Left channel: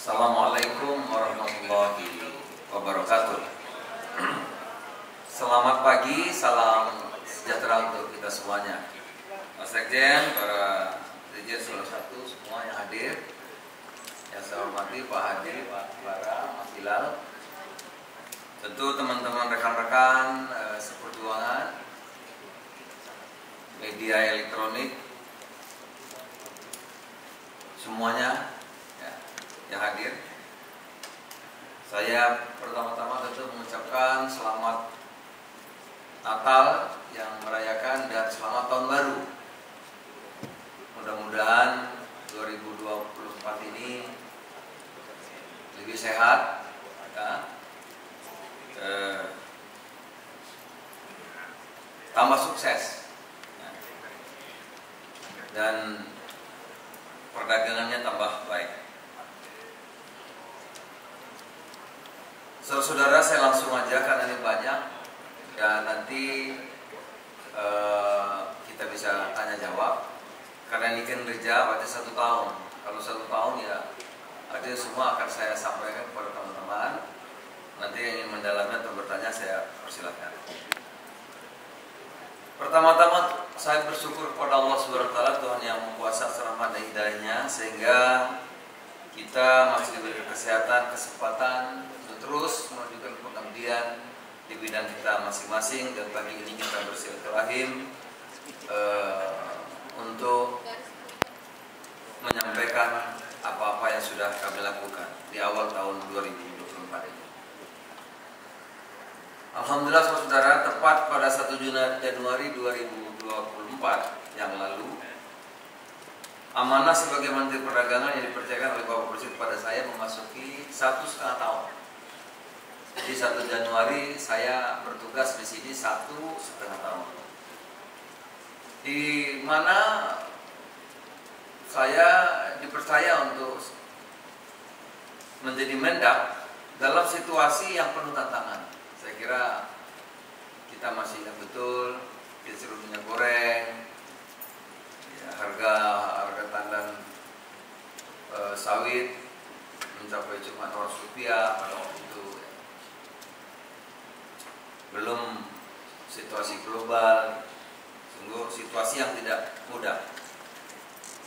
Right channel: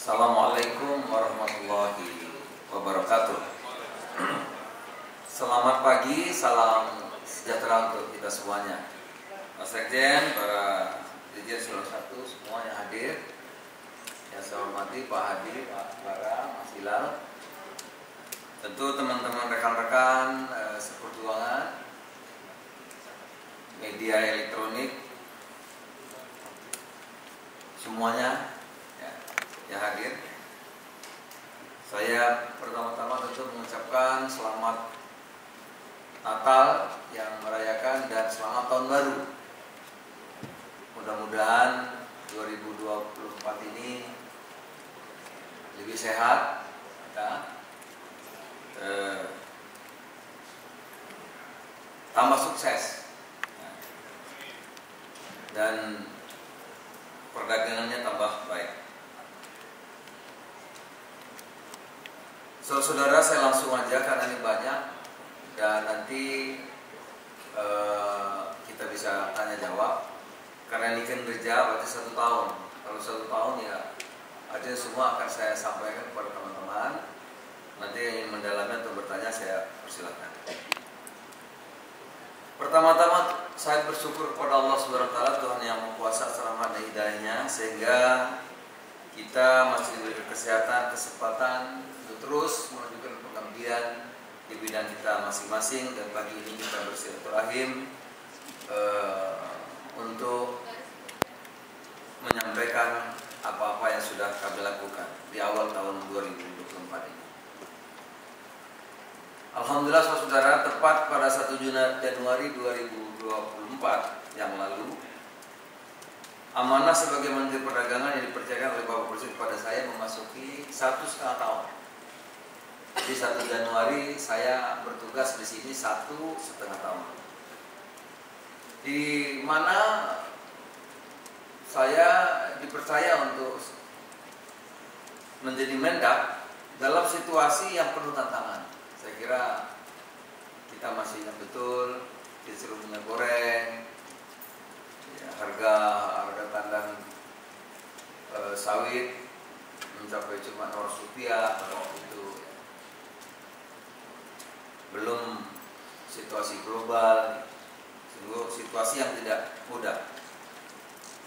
Assalamualaikum warahmatullahi wabarakatuh. Selamat pagi, salam sejahtera untuk kita semuanya. Mas Sekjen, para dirjen Eselon 1 semua yang hadir, yang saya hormati Pak Hadi, Pak Bara, Mas Hilal, tentu teman-teman rekan-rekan seperjuangan, media elektronik, semuanya yang hadir. Saya pertama-tama tentu mengucapkan selamat Natal yang merayakan dan selamat tahun baru. Mudah-mudahan 2024 ini lebih sehat, ya, tambah sukses, ya, dan perdagangannya tambah baik. Saudara, saya langsung aja karena ini banyak dan nanti kita bisa tanya jawab. Karena ini kinerja berarti 1 tahun. Kalau 1 tahun ya artinya semua akan saya sampaikan kepada teman-teman. Nanti yang ingin mendalami atau bertanya saya persilakan. Pertama-tama saya bersyukur kepada Allah Subhanahu wa taala, Tuhan yang Maha Rahmat dan Hidayahnya, sehingga kita masih diberi kesehatan, kesempatan terus menunjukkan pengabdian di bidang kita masing-masing. Dan pagi ini kita bersilaturahim untuk menyampaikan apa-apa yang sudah kami lakukan di awal tahun 2024 ini. Alhamdulillah saudara, tepat pada 1 Januari 2024 yang lalu, amanah sebagai Menteri Perdagangan yang dipercayakan oleh Bapak Presiden kepada saya memasuki 1,5 tahun. Jadi 1 Januari saya bertugas di sini 1,5 tahun. Di mana saya dipercaya untuk menjadi Mendak dalam situasi yang penuh tantangan. Saya kira kita masih ingat betul kisruh minyak goreng, ya, harga pandang sawit mencapai cuma Rp100 itu. Belum situasi global, sungguh situasi yang tidak mudah.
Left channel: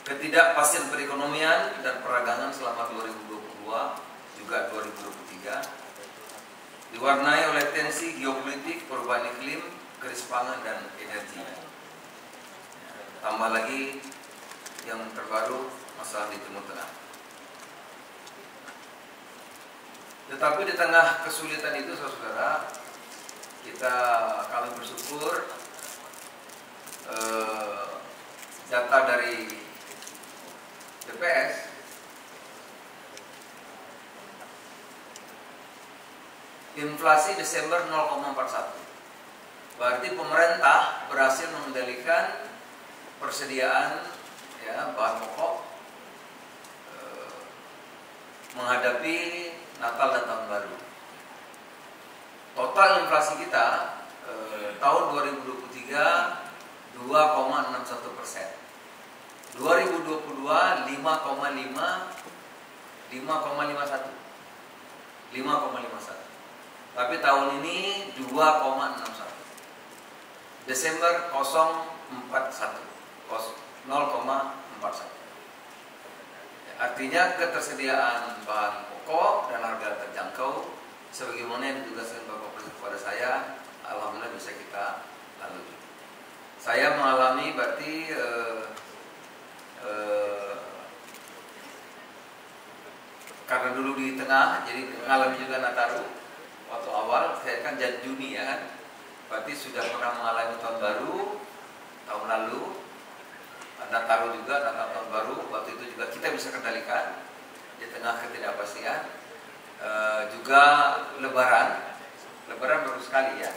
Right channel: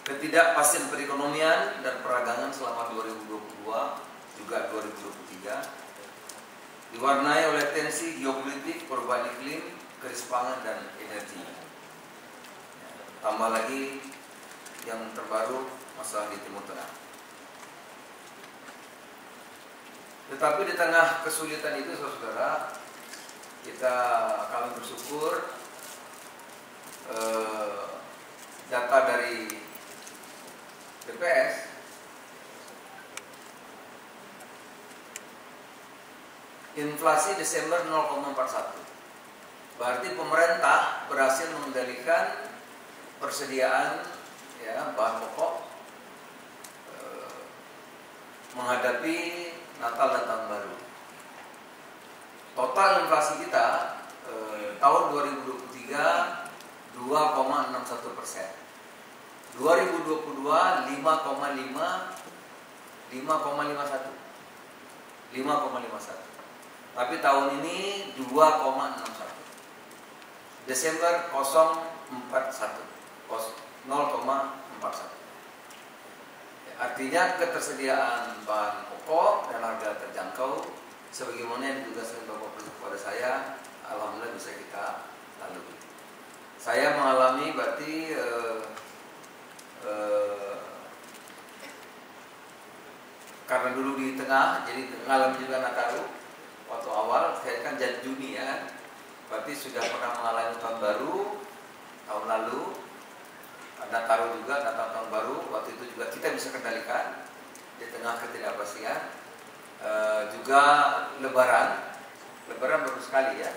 Ketidakpastian perekonomian dan perdagangan selama 2022 juga 2023 diwarnai oleh tensi geopolitik, perubahan iklim, krisis pangan dan energi. Tambah lagi yang terbaru masalah di Timur Tengah. Tetapi di tengah kesulitan itu, saudara, kami bersyukur data dari BPS inflasi Desember 0,41. Berarti pemerintah berhasil mengendalikan persediaan, ya, bahan pokok menghadapi Natal dan Tahun Baru. Total inflasi kita tahun 2023 2,61%. 2022 5,51. Tapi tahun ini 2,61. Desember 0,41. Artinya ketersediaan bahan pokok dan harga terjangkau sebagaimana yang ditugaskan Bapak Presiden kepada saya, alhamdulillah bisa kita lalui. Saya mengalami berarti karena dulu di tengah, jadi mengalami juga Nataru. Waktu awal saya kan Juni, ya kan, berarti sudah pernah mengalami tahun baru tahun lalu, Nataru juga, Natal tahun baru. Waktu itu juga kita bisa kendalikan di tengah ketidakpastian. Juga Lebaran baru sekali, ya,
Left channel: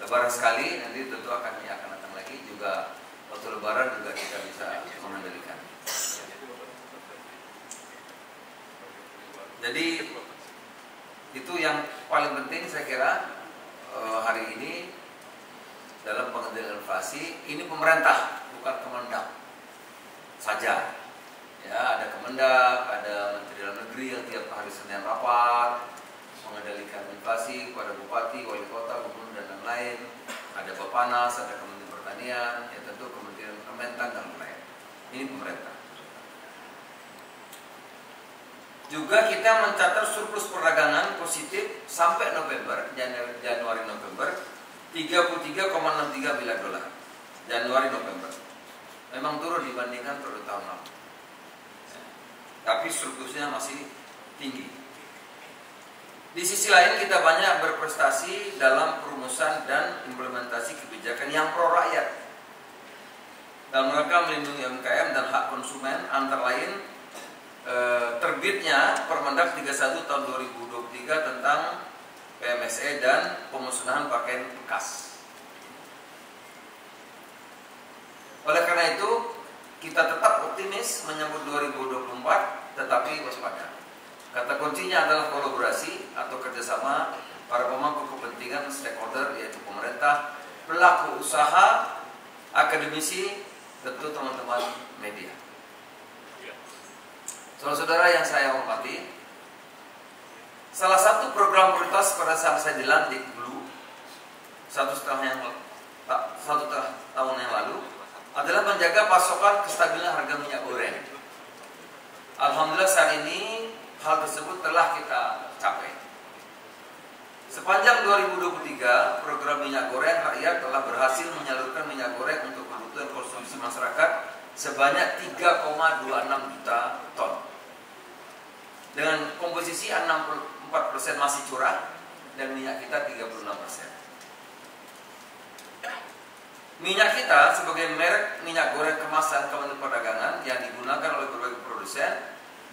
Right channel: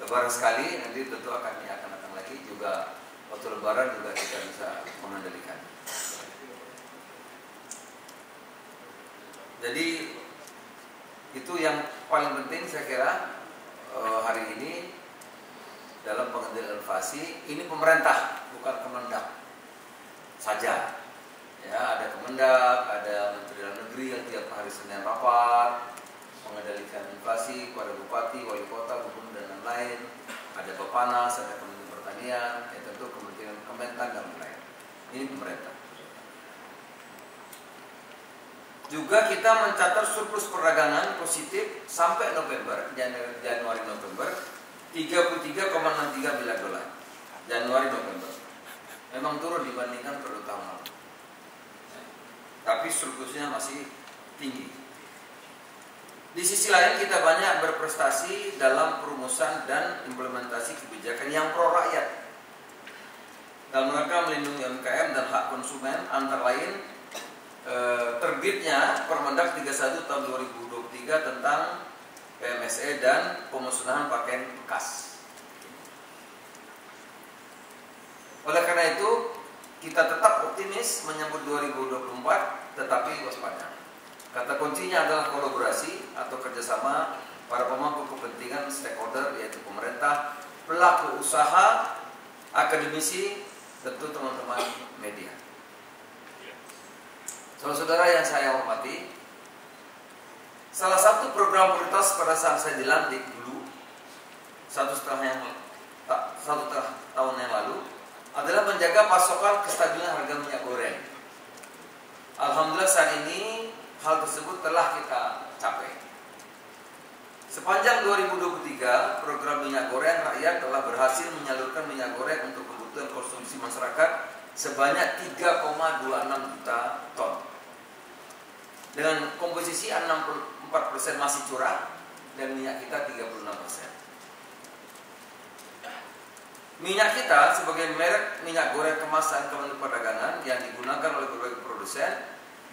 Lebaran sekali, nanti tentu akan datang lagi juga. Waktu Lebaran juga kita bisa mengendalikan. Jadi itu yang paling penting saya kira hari ini dalam pengendalian inflasi. Ini pemerintah, bukan Kemendak saja. Ya, ada Kemendak, ada Menteri Dalam Negeri yang tiap hari hari Senin rapat, mengendalikan inflasi kepada bupati, wali kota, gubernur dan lain-lain. Ada Bapanas, ada Kementerian Pertanian, ya tentu Kementerian Kementan dan lain-lain. Ini pemerintah. Juga kita mencatat surplus perdagangan positif sampai November, Januari-November 33,63 miliar dolar. Januari-November. Memang turun dibandingkan pada tahun lalu. Tapi surplusnya masih tinggi. Di sisi lain kita banyak berprestasi dalam perumusan dan implementasi kebijakan yang pro rakyat dalam rangka melindungi UMKM dan hak konsumen, antara lain terbitnya Permendag 31 tahun 2023 tentang PMSE dan pemusnahan pakaian bekas. Oleh karena itu kita tetap optimis menyambut 2024, tetapi waspada. Kata kuncinya adalah kolaborasi atau kerjasama para pemangku kepentingan stakeholder, yaitu pemerintah, pelaku usaha, akademisi, tentu teman-teman media. Saudara-saudara yang saya hormati, salah satu program prioritas pada saat saya dilantik dulu, satu setengah tahun yang lalu, adalah menjaga pasokan kestabilan harga minyak goreng. Alhamdulillah saat ini hal tersebut telah kita capai. Sepanjang 2023, program minyak goreng rakyat telah berhasil menyalurkan minyak goreng untuk kebutuhan konsumsi masyarakat sebanyak 3,26 juta ton. Dengan komposisi 64% masih curah dan minyak kita 36%. Minyak kita sebagai merek minyak goreng kemasan Kementerian Perdagangan yang digunakan oleh berbagai produsen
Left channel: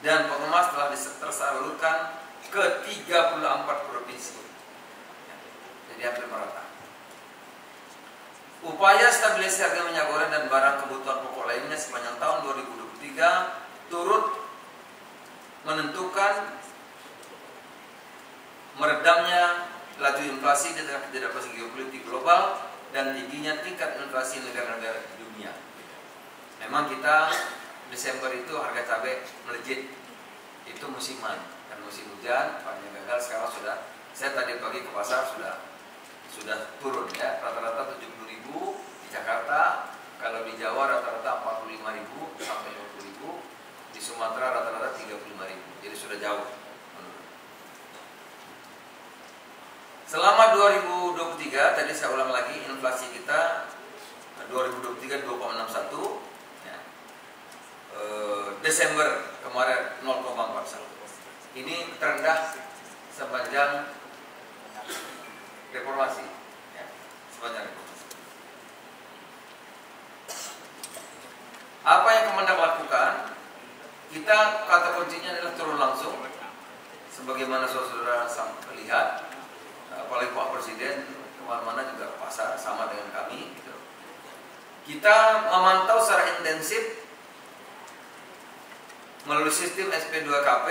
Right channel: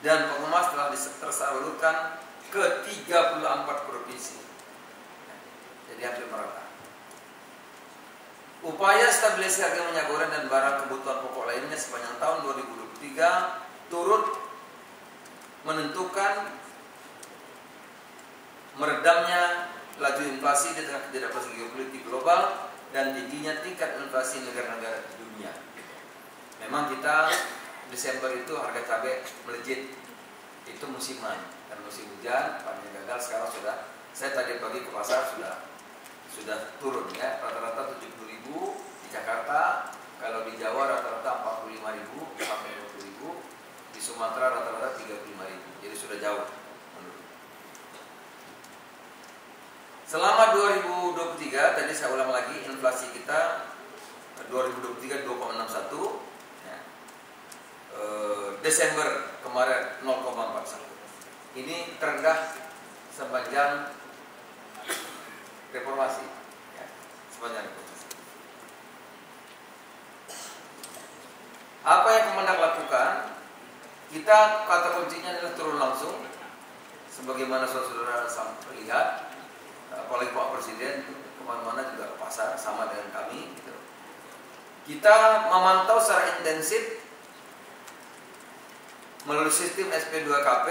dan pengemas telah tersalurkan ke 34 provinsi. Jadi hampir merata. Upaya stabilisasi harga minyak goreng dan barang kebutuhan pokok lainnya sepanjang tahun 2023 turut menentukan meredamnya laju inflasi di tengah ketidakpastian geopolitik global dan tingginya tingkat inflasi negara-negara di dunia. Memang kita Desember itu harga cabai melejit, itu musiman, kan musim hujan, panen gagal. Sekarang sudah, saya tadi pagi ke pasar sudah turun ya, rata-rata 70.000 di Jakarta, kalau di Jawa rata-rata 45.000 sampai 50.000, di Sumatera rata-rata 35.000, jadi sudah jauh. Selama 2023, tadi saya ulang lagi, inflasi kita 2023 2,61 ya. Desember kemarin 0,41. Ini terendah sepanjang reformasi ya, sepanjang reformasi. Apa yang Kemendag lakukan? Kita kata kuncinya adalah turun langsung, sebagaimana saudara lihat. Apalagi Pak Presiden kemana-mana juga ke pasar sama dengan kami gitu. Kita memantau secara intensif melalui sistem SP2KP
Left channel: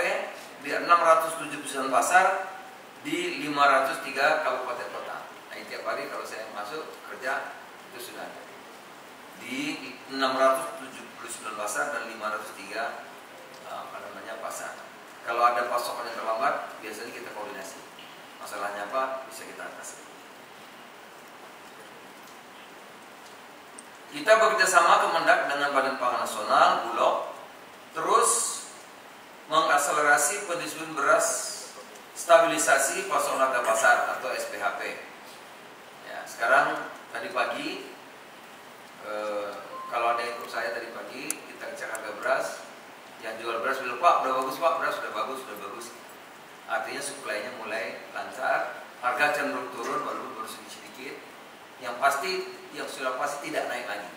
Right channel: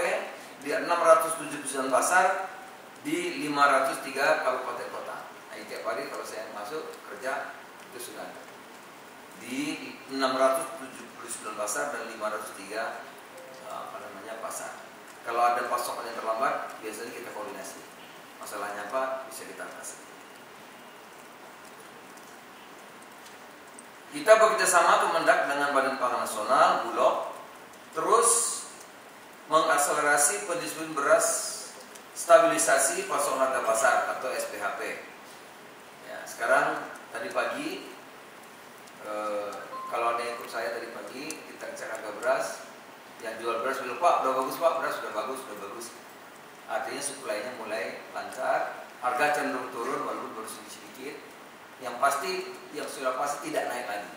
di 679 pasar di 503 kabupaten kota. Nah, tiap hari kalau saya masuk kerja itu sudah di 679 pasar dan 503 pasar. Kalau ada pasokan yang terlambat, biasanya kita koordinasi. Masalahnya apa? Bisa kita atasi. Kita bekerjasama Kemendag dengan Badan Pangan Nasional, Bulog, terus mengakselerasi pendistribusian beras stabilisasi pasokan harga pasar atau SPHP. Ya, sekarang tadi pagi, kalau ada yang ikut saya tadi pagi, kita cek harga beras. Yang jual beras bilang, Pak, udah bagus Pak, beras sudah bagus. Artinya suplainya mulai lancar, harga cenderung turun walaupun baru sedikit. Yang pasti, yang sudah pasti tidak naik lagi.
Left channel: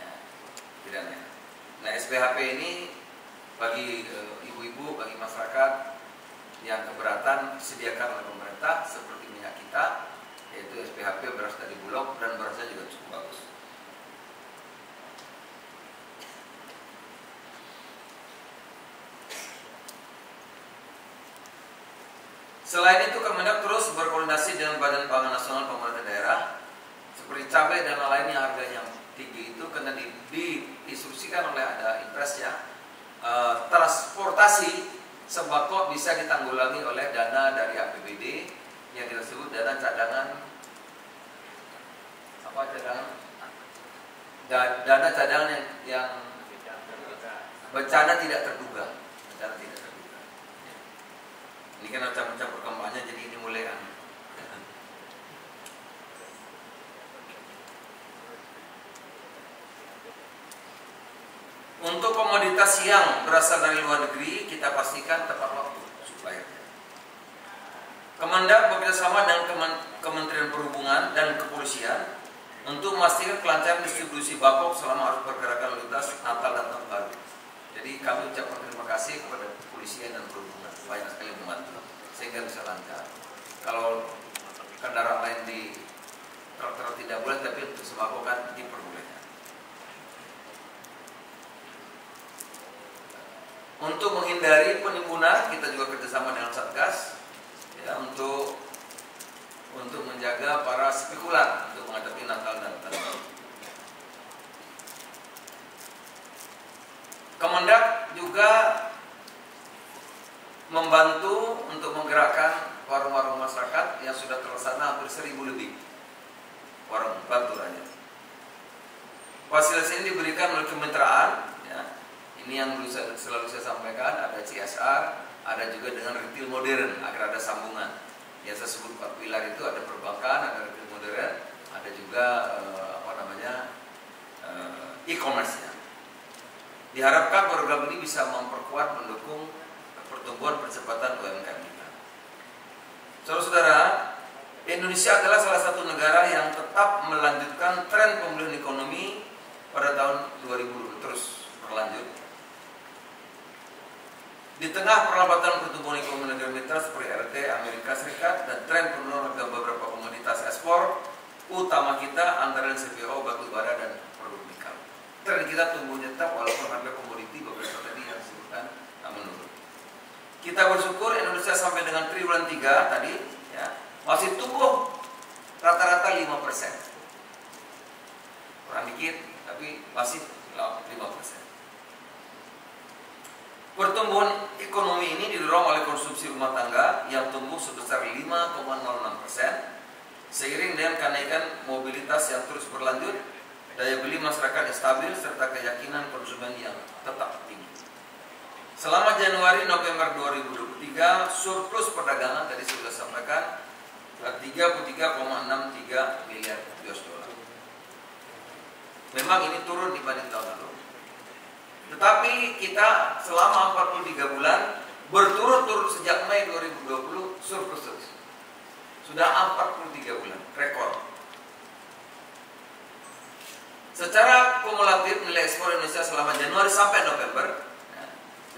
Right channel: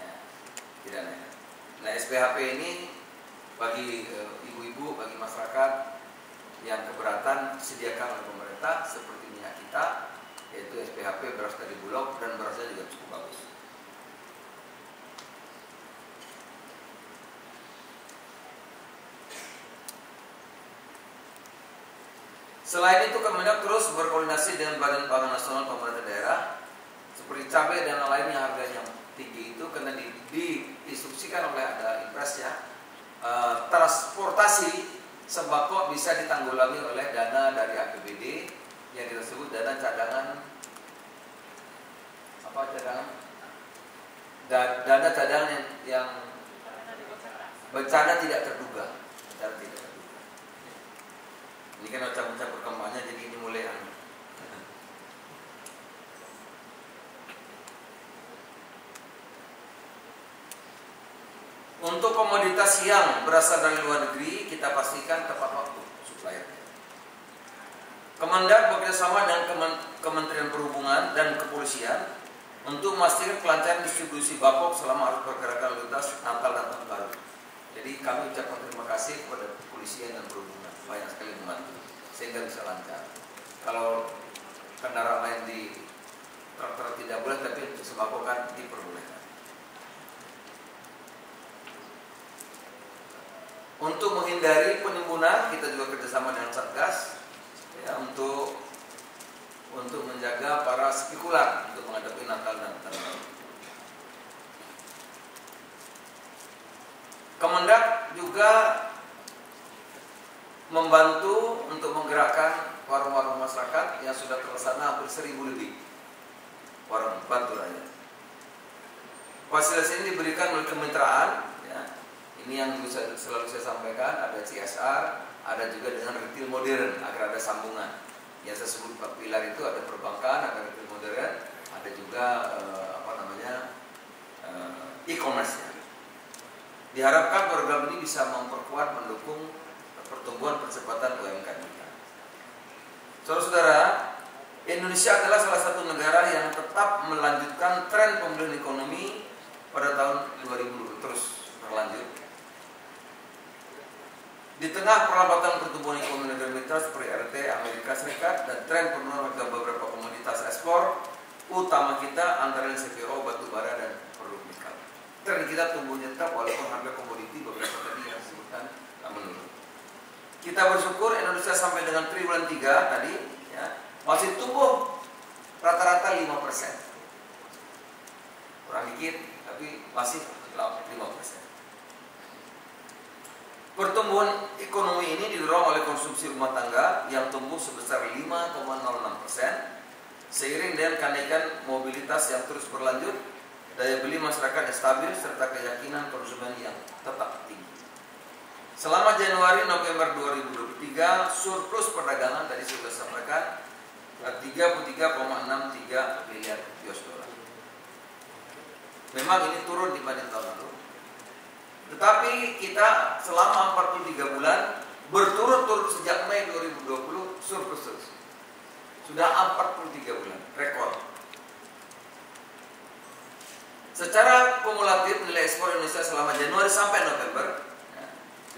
Ya, tidak naik. Nah, SPHP ini bagi ibu-ibu, bagi masyarakat yang keberatan disediakan oleh pemerintah seperti minyak kita, yaitu SPHP beras dari Bulog dan berasnya juga cukup bagus. Selain itu, Kemendag terus berkoordinasi dengan Badan Pangan Nasional pemerintah daerah seperti cabai dan lain yang harganya tinggi itu karena diinstruksikan oleh ada impres ya, transportasi sembako bisa ditanggulangi oleh dana dari APBD yang kita sebut dana cadangan dana cadangan yang bencana tidak terduga. Ini kan macam-macam perkembangannya, jadi ini mulai Untuk komoditas yang berasal dari luar negeri, kita pastikan tepat waktu supaya Kemendak bekerjasama dengan Kementerian Perhubungan dan Kepolisian untuk memastikan kelancaran distribusi bako selama arus pergerakan lintas Natal dan Tahun Baru. Jadi kami ucapkan terima kasih kepada Kepolisian dan Perhubungan, banyak sekali membantu sehingga bisa lancar. Kalau kendaraan lain di traktor tidak boleh, tapi untuk sembako kan diperbolehkan. Untuk menghindari penimbunan, kita juga kerjasama dengan Satgas ya, untuk menjaga para spekulan untuk menghadapi Natal dan Tahun Baru. Kemendak juga membantu untuk menggerakkan warung-warung masyarakat yang sudah terlaksana hampir 1.000 lebih warung bantu rakyat. Fasilitas ini diberikan oleh kemitraan. Ini yang selalu saya sampaikan, ada CSR, ada juga dengan retail modern agar ada sambungan. Yang saya sebut 4 pilar itu ada perbankan, ada retail modern, ada juga e-commerce-nya. Diharapkan program ini bisa memperkuat, mendukung pertumbuhan percepatan UMKM kita. Saudara-saudara, Indonesia adalah salah satu negara yang tetap melanjutkan tren pemulihan ekonomi pada tahun 2020 terus berlanjut. Di tengah perlambatan pertumbuhan ekonomi negara mitra seperti RT Amerika Serikat dan tren penurunan harga beberapa komoditas ekspor utama kita antara lain CPO, batu bara dan produk nikel. Tren kita tumbuh tetap walaupun harga komoditi beberapa tadi yang disebutkan menurun. Kita bersyukur Indonesia sampai dengan triwulan 3 tadi ya, masih tumbuh rata-rata 5%. Kurang dikit tapi masih 5%. Pertumbuhan ekonomi ini didorong oleh konsumsi rumah tangga yang tumbuh sebesar 5,06%, seiring dengan kenaikan mobilitas yang terus berlanjut, daya beli masyarakat yang stabil, serta keyakinan konsumen yang tetap tinggi. Selama Januari-November 2023, surplus perdagangan tadi sudah sampaikan 33,63 miliar US dollar. Memang ini turun dibanding tahun lalu. Tetapi kita selama 43 bulan berturut-turut sejak Mei 2020 surplus terus. Sudah 43 bulan, rekor. Secara kumulatif nilai ekspor Indonesia selama Januari sampai November, ya,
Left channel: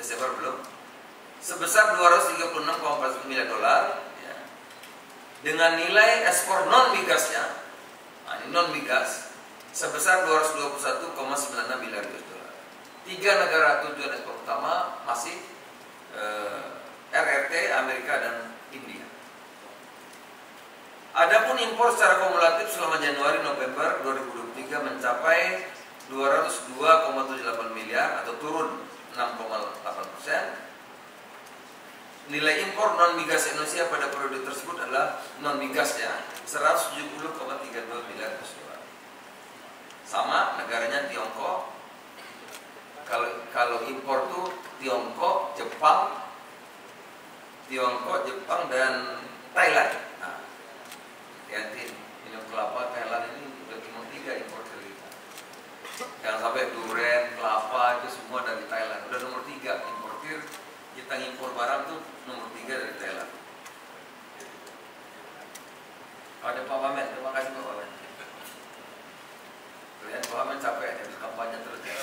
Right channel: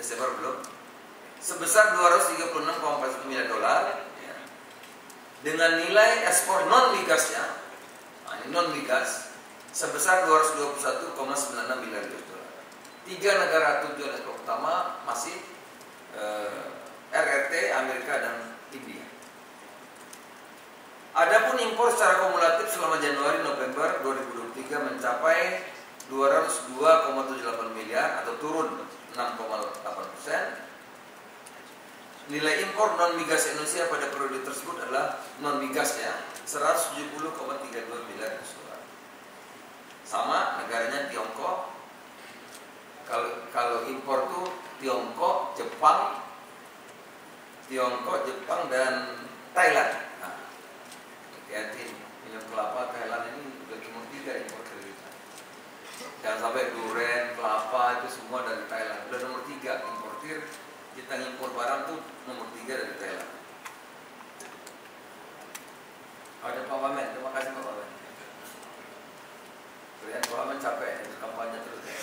Desember belum, sebesar 236,4 miliar dolar, ya, dengan nilai ekspor non migasnya, ini non migas, sebesar 221,96 miliar dolar. 3 negara tujuan ekspor utama masih RRT, Amerika dan India. Adapun impor secara kumulatif selama Januari-November 2023 mencapai 202,78 miliar atau turun 6,8%. Nilai impor non migas Indonesia pada periode tersebut adalah non migasnya 170,32 miliar dolar. Sama negaranya Tiongkok. Kalau impor tuh Tiongkok, Jepang dan Thailand. Nah, hati-hati minum kelapa Thailand ini lebih nomor 3 impor dari kita. Jangan sampai durian, kelapa itu semua dari Thailand. Udah nomor 3 importir. Kita impor barang tuh nomor 3 dari Thailand. Ada Pak Wamen, terima kasih Pak Wamen. Kalian Pak Wamen capek ya, kampanye terus ya.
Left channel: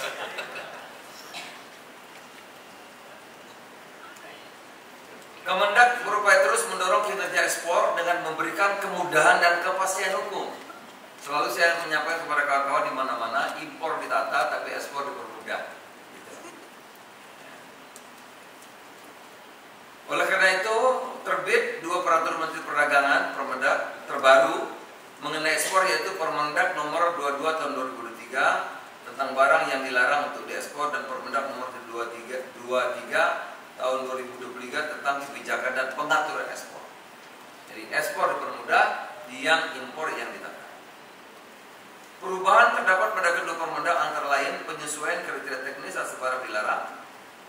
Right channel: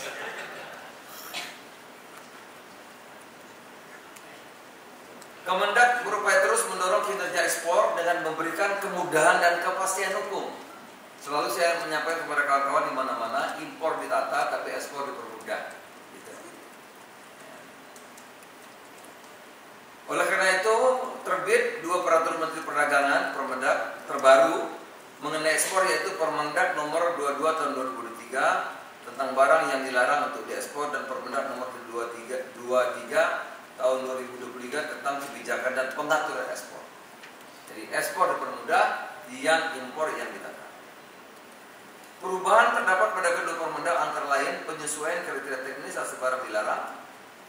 Kemendak berupaya terus mendorong kinerja ekspor dengan memberikan kemudahan dan kepastian hukum. Selalu saya menyampaikan kepada kawan-kawan di mana-mana, impor ditata tapi ekspor dipermudah. Oleh karena itu, terbit 2 peraturan Menteri Perdagangan Permendak terbaru mengenai ekspor, yaitu Permendak nomor 22 tahun 2023 tentang barang yang dilarang untuk diekspor dan Permendak nomor 23 tahun 2025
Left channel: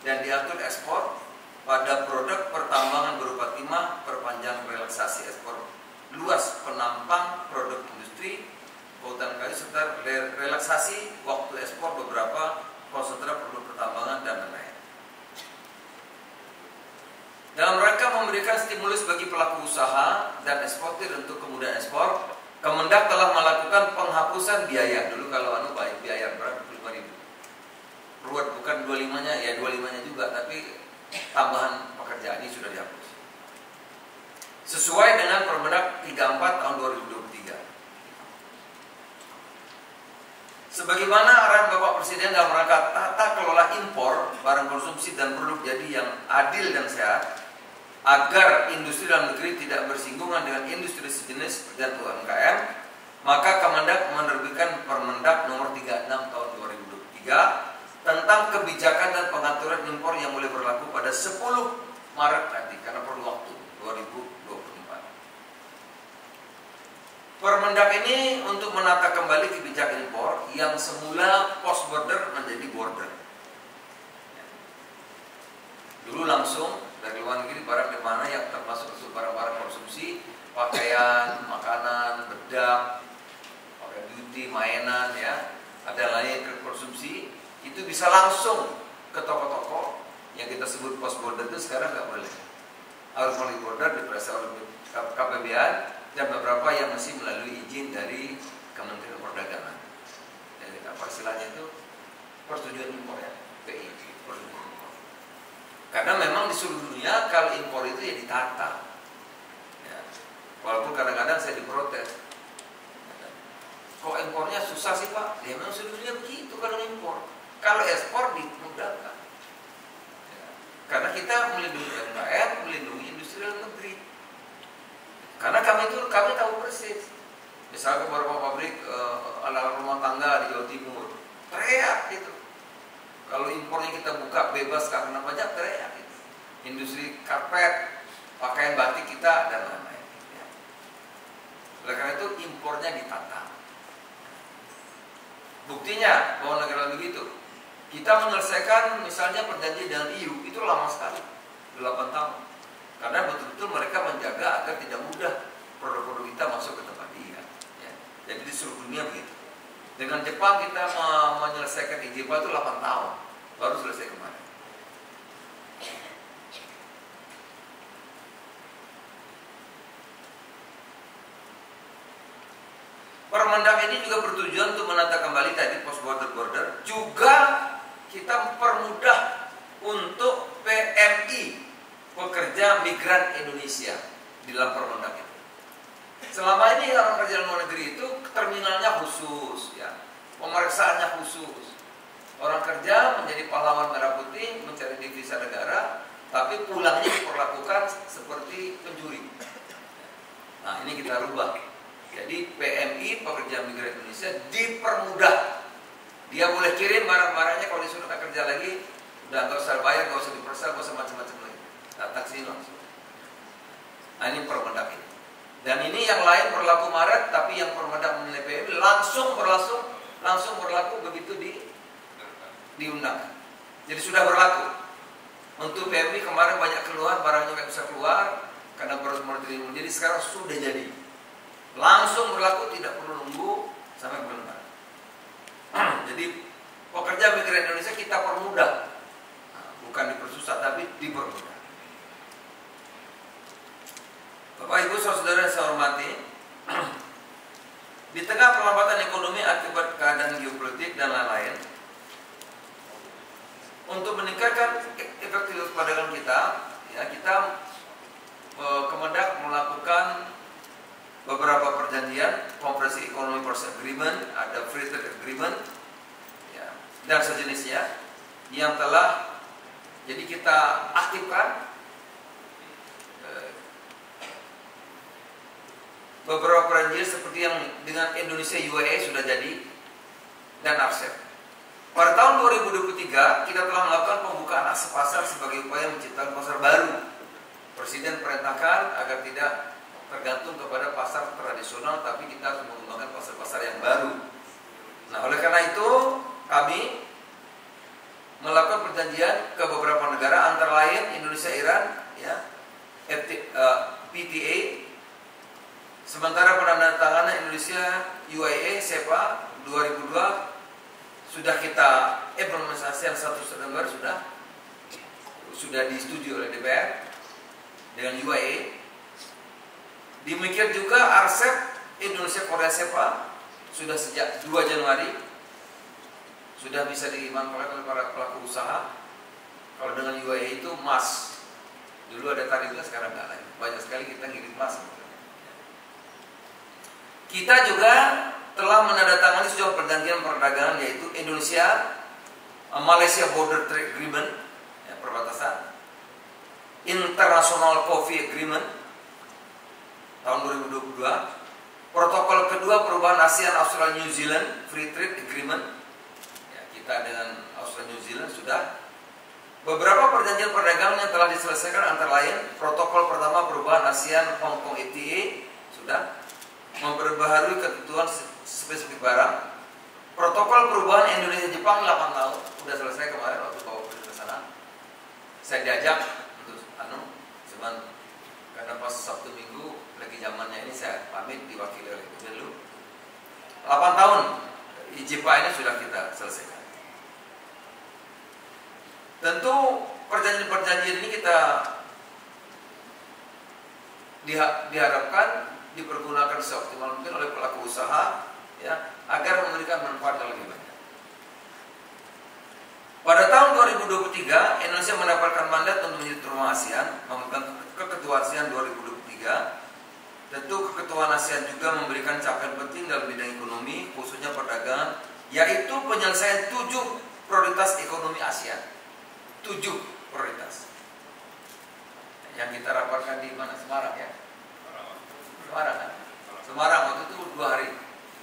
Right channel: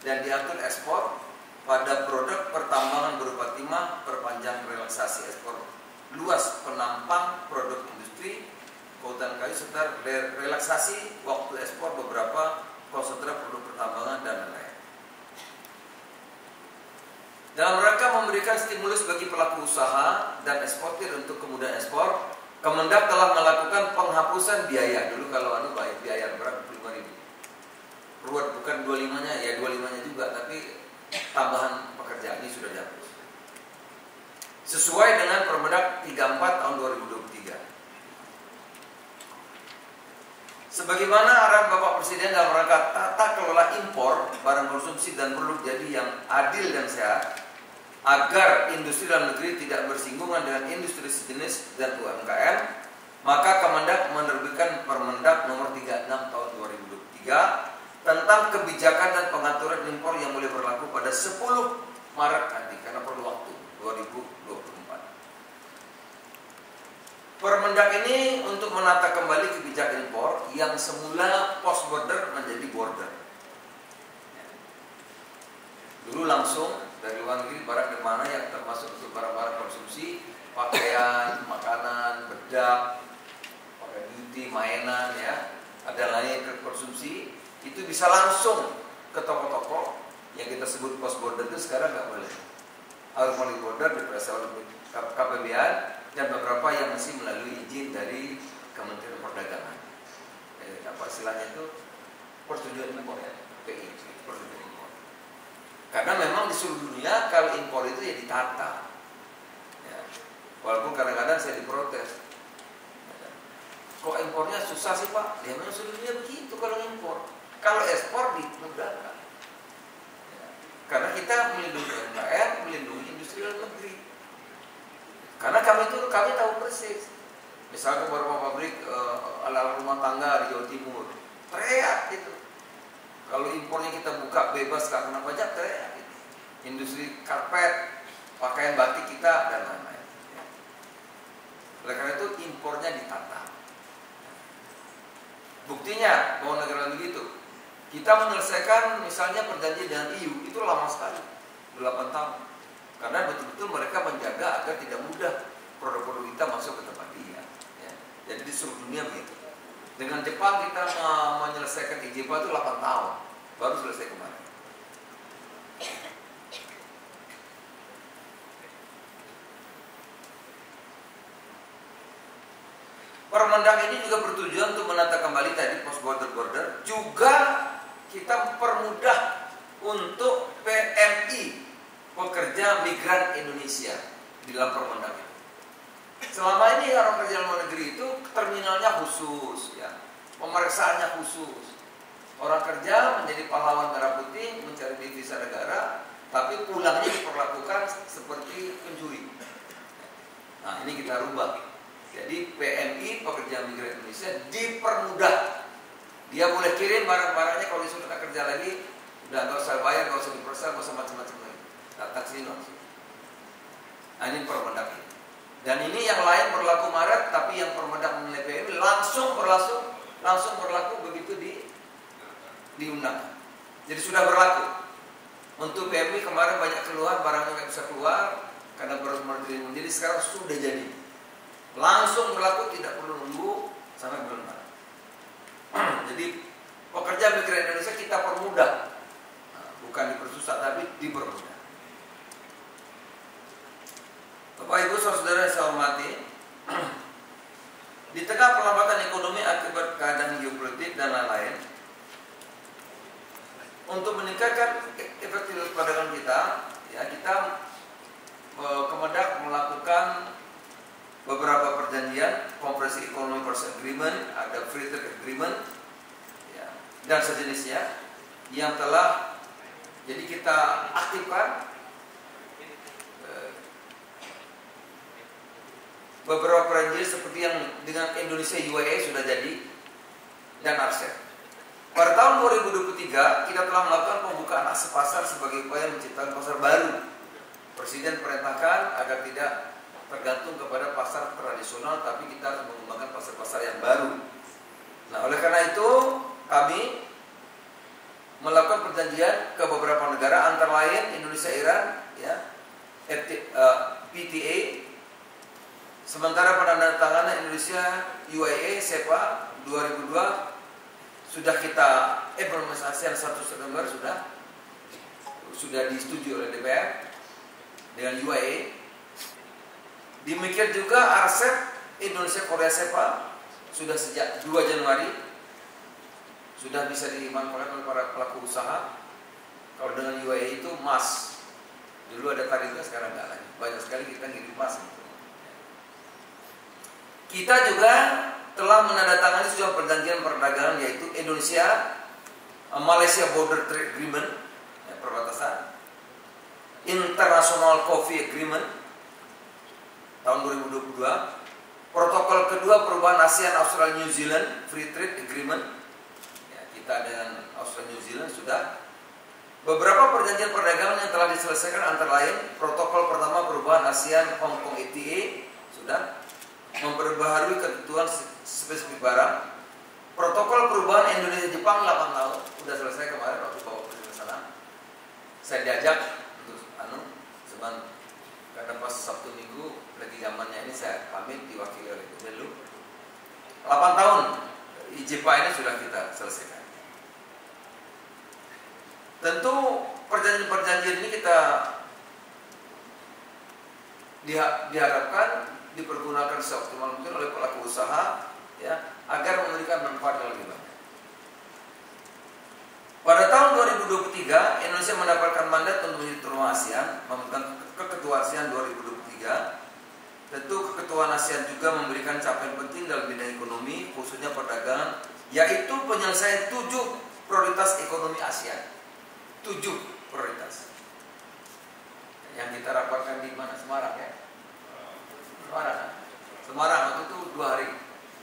dan diatur ekspor pada produk pertambangan berupa timah, perpanjang relaksasi ekspor luas penampang produk industri, kehutanan kayu serta relaksasi waktu ekspor beberapa konsentrat produk pertambangan dan lain-lain. Dalam rangka memberikan stimulus bagi pelaku usaha dan eksportir untuk kemudahan ekspor, Kemendak telah melakukan penghapusan biaya. Dulu kalau baik biaya berapa? 25.000. Bukan 25-nya, ya 25-nya juga, tapi tambahan pekerjaan ini sudah dihapus. Sesuai dengan Permendak 34 tahun 2023. Sebagaimana arahan Bapak Presiden dalam rangka tata kelola impor barang konsumsi dan produk jadi yang adil dan sehat, agar industri dalam negeri tidak bersinggungan dengan industri sejenis dan UMKM, maka Kemendak menerbitkan Permendak nomor 36 tahun 2023 tentang kebijakan dan pengaturan impor yang mulai berlaku pada 10 Maret nanti karena perlu waktu 2024. Permendak ini untuk menata kembali kebijakan impor yang semula post border menjadi border. Dulu langsung dari luar negeri barang di mana yang termasuk untuk barang-barang konsumsi, pakaian, makanan, bedak, pakaian beauty, mainan, ya, ada lain konsumsi, itu bisa langsung ke toko-toko yang kita sebut post border itu sekarang nggak boleh. Harus melalui border diperiksa oleh KPBA dan beberapa yang masih melalui izin dari Kementerian Perdagangan. Istilahnya itu persetujuan impor, ya, PI, persetujuan impor. Karena memang di seluruh dunia kalau impor itu ya ditata. Ya. Walaupun kadang-kadang saya diprotes. Kok impornya susah sih Pak? Ya memang seluruh dunia begitu kalau impor. Kalau ekspor dimudahkan. Ya. Karena kita melindungi UMKM, melindungi industri dalam negeri. Karena kami tahu persis. Misalnya beberapa pabrik alat rumah tangga di Jawa Timur, teriak itu. Kalau impornya kita buka bebas karena pajak, teriak itu. Industri karpet, pakaian batik kita dan lain-lain. Ya. Oleh karena itu impornya ditata. Buktinya bahwa negara begitu. Kita menyelesaikan misalnya perjanjian dengan EU itu lama sekali, 8 tahun. Karena betul-betul mereka menjaga agar tidak mudah produk-produk kita masuk ke tempat dia. Ya. Jadi di seluruh dunia begitu. Dengan Jepang kita menyelesaikan izin itu 8 tahun, baru selesai kemarin. Permendak ini juga bertujuan untuk menata kembali tadi post border, juga kita permudah untuk PMI, pekerja migran Indonesia, di dalam Permendak ini. Selama ini orang kerja luar negeri itu terminalnya khusus, ya, pemeriksaannya khusus. Orang kerja menjadi pahlawan merah putih, mencari devisa negara, tapi pulangnya diperlakukan seperti pencuri. Nah ini kita rubah. Jadi PMI, pekerja migran Indonesia, dipermudah. Dia boleh kirim barang-barangnya kalau disuruh kerja lagi, udah nggak usah bayar, nggak usah diperiksa, nggak usah macam-macam lagi. Datang sini langsung. Nah ini Permendak ini. Dan ini yang lain berlaku Maret, tapi yang Permendak menilai PMI langsung berlaku begitu diundang. Jadi sudah berlaku. Untuk PMI kemarin banyak keluhan, barangnya nggak bisa keluar karena baru menerima. Jadi sekarang sudah jadi. Langsung berlaku, tidak perlu nunggu sampai bulan Maret. Jadi pekerja migran Indonesia kita permudah, bukan dipersusah tapi dipermudah. Bapak Ibu saudara yang saya hormati, di tengah perlambatan ekonomi akibat keadaan geopolitik dan lain-lain, untuk meningkatkan efektivitas perdagangan kita, ya kita Kemendak melakukan beberapa perjanjian, Komprehensif Economic Purchase Agreement, ada Free Trade Agreement, ya, dan sejenisnya yang telah jadi kita aktifkan. Beberapa perjanjian seperti yang dengan Indonesia UAE sudah jadi dan ASEAN. Pada tahun 2023 kita telah melakukan pembukaan akses pasar sebagai upaya menciptakan pasar baru. Presiden perintahkan agar tidak tergantung kepada pasar tradisional, tapi kita harus mengembangkan pasar-pasar yang baru. Nah, oleh karena itu kami melakukan perjanjian ke beberapa negara, antara lain Indonesia, Iran, ya, PTA. Sementara penandatanganan Indonesia UIA SEPA 2002 sudah kita implementasi yang 1 September sudah disetujui oleh DPR dengan UIA. Demikian juga RCEP Indonesia Korea SEPA sudah sejak 2 Januari sudah bisa dimanfaatkan oleh para pelaku usaha. Kalau dengan UIA itu emas, dulu ada tarifnya, sekarang nggak lagi. Banyak sekali kita ngirim emas. Kita juga telah menandatangani sebuah perjanjian perdagangan, yaitu Indonesia Malaysia Border Trade Agreement, ya, perbatasan, International Coffee Agreement tahun 2022, protokol kedua perubahan ASEAN Australia New Zealand Free Trade Agreement, ya, kita dengan Australia New Zealand sudah. Beberapa perjanjian perdagangan yang telah diselesaikan antara lain protokol pertama perubahan ASEAN Hong Kong FTA sudah, memperbaharui ketentuan spesifik barang. Protokol perubahan Indonesia Jepang 8 tahun sudah selesai kemarin waktu bawa ke sana. Saya diajak untuk karena pas Sabtu Minggu lagi zamannya ini, saya pamit diwakili oleh Gubernur. 8 tahun IJPA ini sudah kita selesaikan. Tentu perjanjian-perjanjian ini kita diharapkan dipergunakan seoptimal mungkin oleh pelaku usaha, ya, agar memberikan manfaat yang lebih banyak. Pada tahun 2023 Indonesia mendapatkan mandat untuk menjadi tuan rumah ASEAN, memegang keketuaan ASEAN 2023. Tentu keketuaan ASEAN juga memberikan capaian penting dalam bidang ekonomi, khususnya perdagangan, yaitu penyelesaian 7 prioritas ekonomi ASEAN. 7 prioritas yang kita rapatkan di mana? Semarang, ya. Semarang, kan? Semarang waktu itu 2 hari,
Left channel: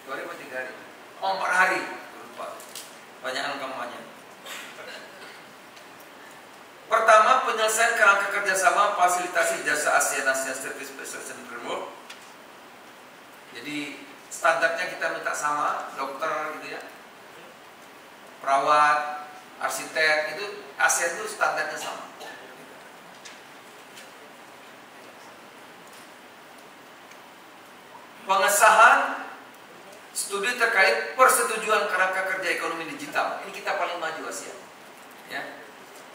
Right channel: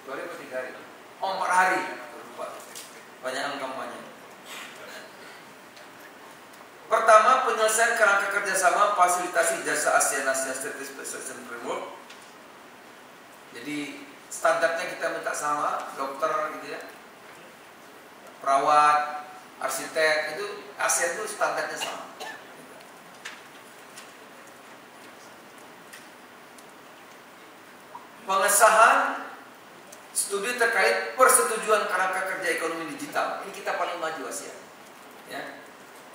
2 hari atau 3 hari? 4 hari, lupa. Banyak kampanye. Pertama, penyelesaian kerangka kerjasama fasilitasi jasa ASEAN Service Specialization Framework. Jadi standarnya kita minta sama, dokter gitu, ya, perawat, arsitek, itu ASEAN itu standarnya sama. Pengesahan studi terkait persetujuan kerangka kerja ekonomi digital. Ini kita paling maju ASEAN, ya.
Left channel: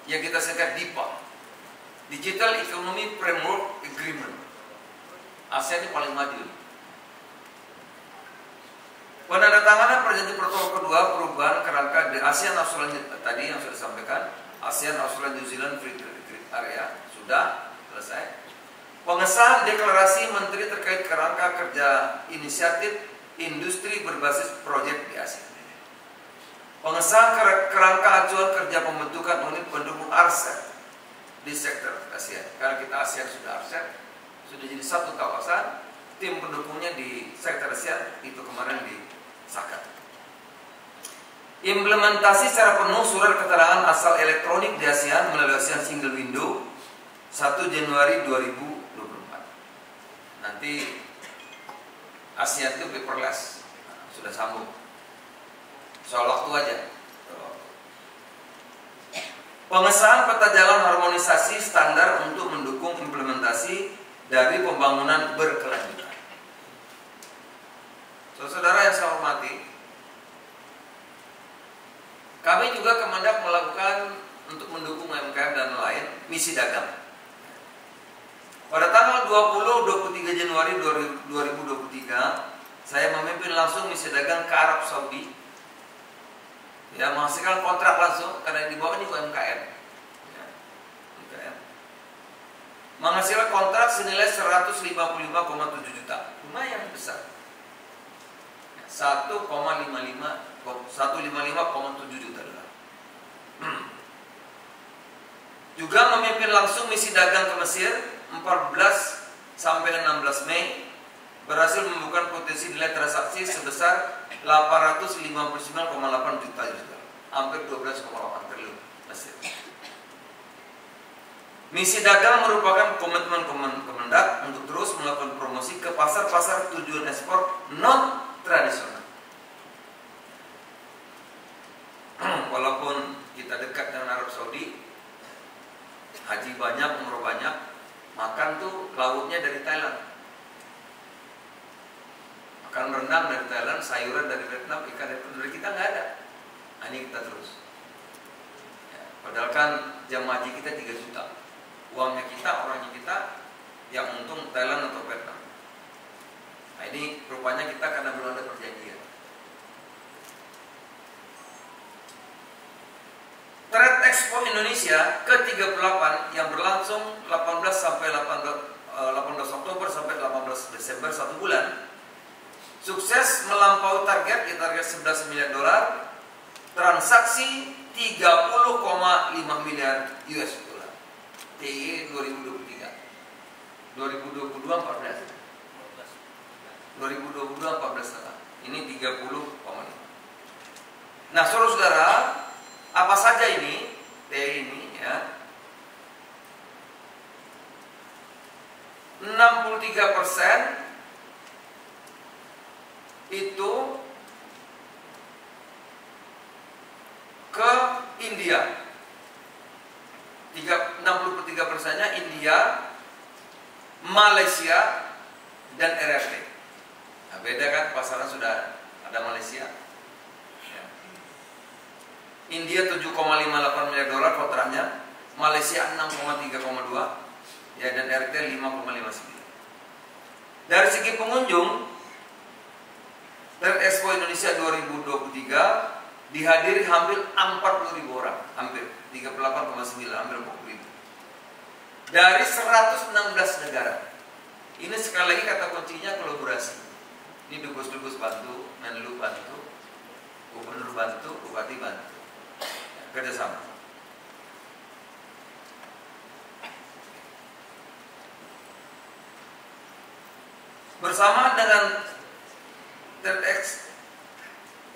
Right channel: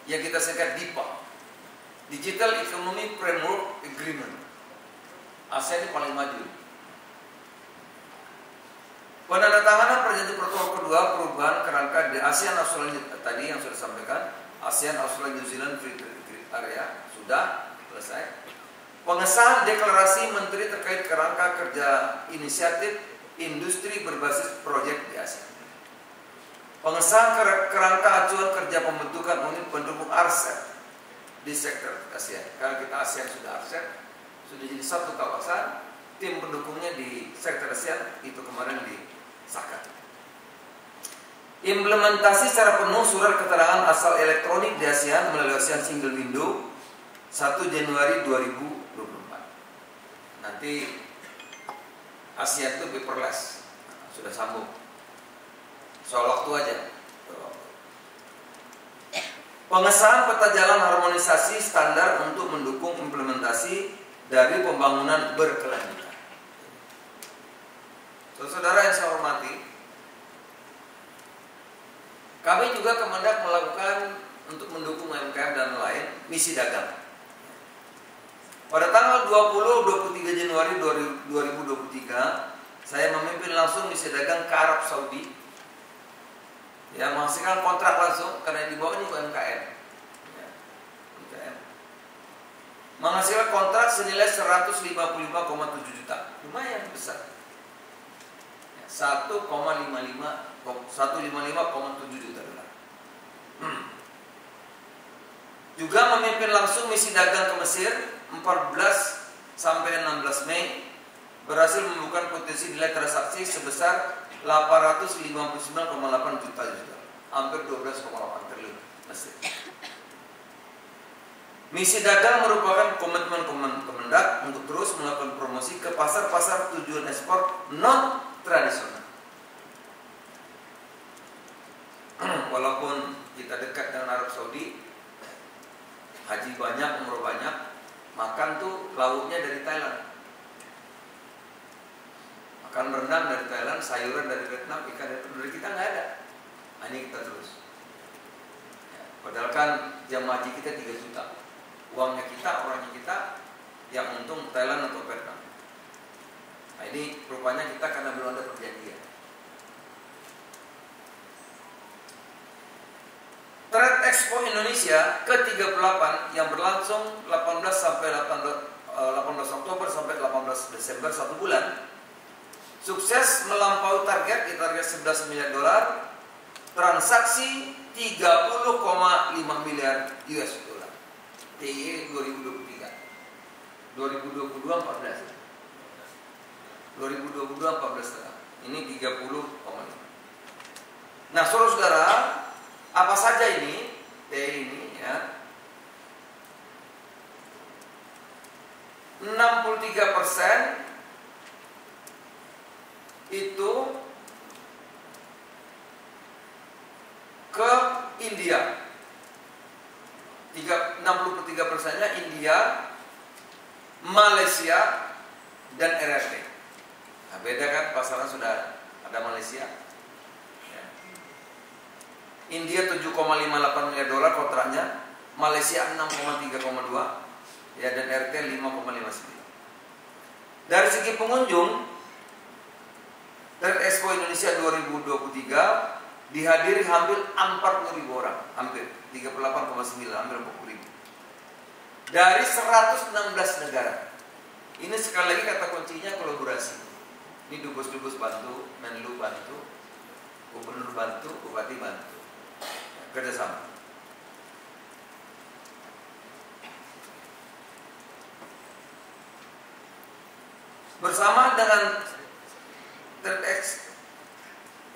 Yang kita sebut DIPA, Digital Economy Framework Agreement. ASEAN ini paling maju. Penandatanganan perjanjian protokol kedua perubahan kerangka di ASEAN Australia tadi yang sudah disampaikan, ASEAN Australia New Zealand Free Trade Area sudah selesai. Pengesahan deklarasi menteri terkait kerangka kerja inisiatif industri berbasis proyek di ASEAN. Pengesahan kerangka acuan kerja pembentukan unit pendukung RCEP di sektor ASEAN. Karena kita ASEAN sudah RCEP, sudah jadi satu kawasan, tim pendukungnya di sektor ASEAN itu kemarin disahkan. Implementasi secara penuh surat keterangan asal elektronik di ASEAN melalui ASEAN Single Window 1 Januari 2024. Nanti ASEAN itu paperless, sudah sambung. Soal waktu aja. Pengesahan peta jalan harmonisasi standar untuk mendukung implementasi dari pembangunan berkelanjutan. Saudara yang saya hormati, kami juga Kemendak melakukan untuk mendukung UMKM dan lain misi dagang. Pada tanggal 20-23 Januari 2023, saya memimpin langsung misi dagang ke Arab Saudi. Ya, menghasilkan kontrak langsung karena yang dibawa ini UMKM. Ya, UMKM. Menghasilkan kontrak senilai 155,7 juta. Lumayan besar. 155,7 juta dolar. Juga memimpin langsung misi dagang ke Mesir 14 sampai 16 Mei, berhasil membuka potensi nilai transaksi sebesar 859,8 juta, hampir 12,8 triliun Mesir. Misi dagang merupakan komitmen Kemendak untuk terus melakukan promosi ke pasar-pasar tujuan ekspor non tradisional. Walaupun kita dekat dengan haji banyak, umroh banyak, makan tuh lauknya dari Thailand. Makan rendang dari Thailand, sayuran dari Vietnam, ikan dari kita nggak ada. Nah, ini kita terus. Ya, padahal kan jam haji kita 3 juta. Uangnya kita, orangnya kita, yang untung Thailand atau Vietnam. Nah, ini rupanya kita karena belum ada perjanjian. Trade Expo Indonesia ke-38 yang berlangsung 18 Oktober sampai 18 Desember 1 bulan sukses melampaui target, target 11 miliar dolar, transaksi 30,5 miliar US dollar. TIE 2023. 2022 14. 2022 14. Ini 30,5. Nah, saudara-saudara, apa saja ini? ini ya. 63% itu ke India. 63%-nya India, Malaysia, dan RRT. Nah, beda kan, pasaran sudah ada Malaysia. India 7,58 miliar dolar kontraknya, Malaysia 6,3,2, ya, dan RT 5,59. Dari segi pengunjung, Trade Expo Indonesia 2023 dihadiri hampir 40.000 orang, hampir 38,9, hampir 40.000 dari 116 negara. Ini sekali lagi kata kuncinya kolaborasi. Ini dubes-dubes bantu, Menlu bantu, Gubernur bantu, Bupati bantu. Kerjasama. Bersama dengan Trade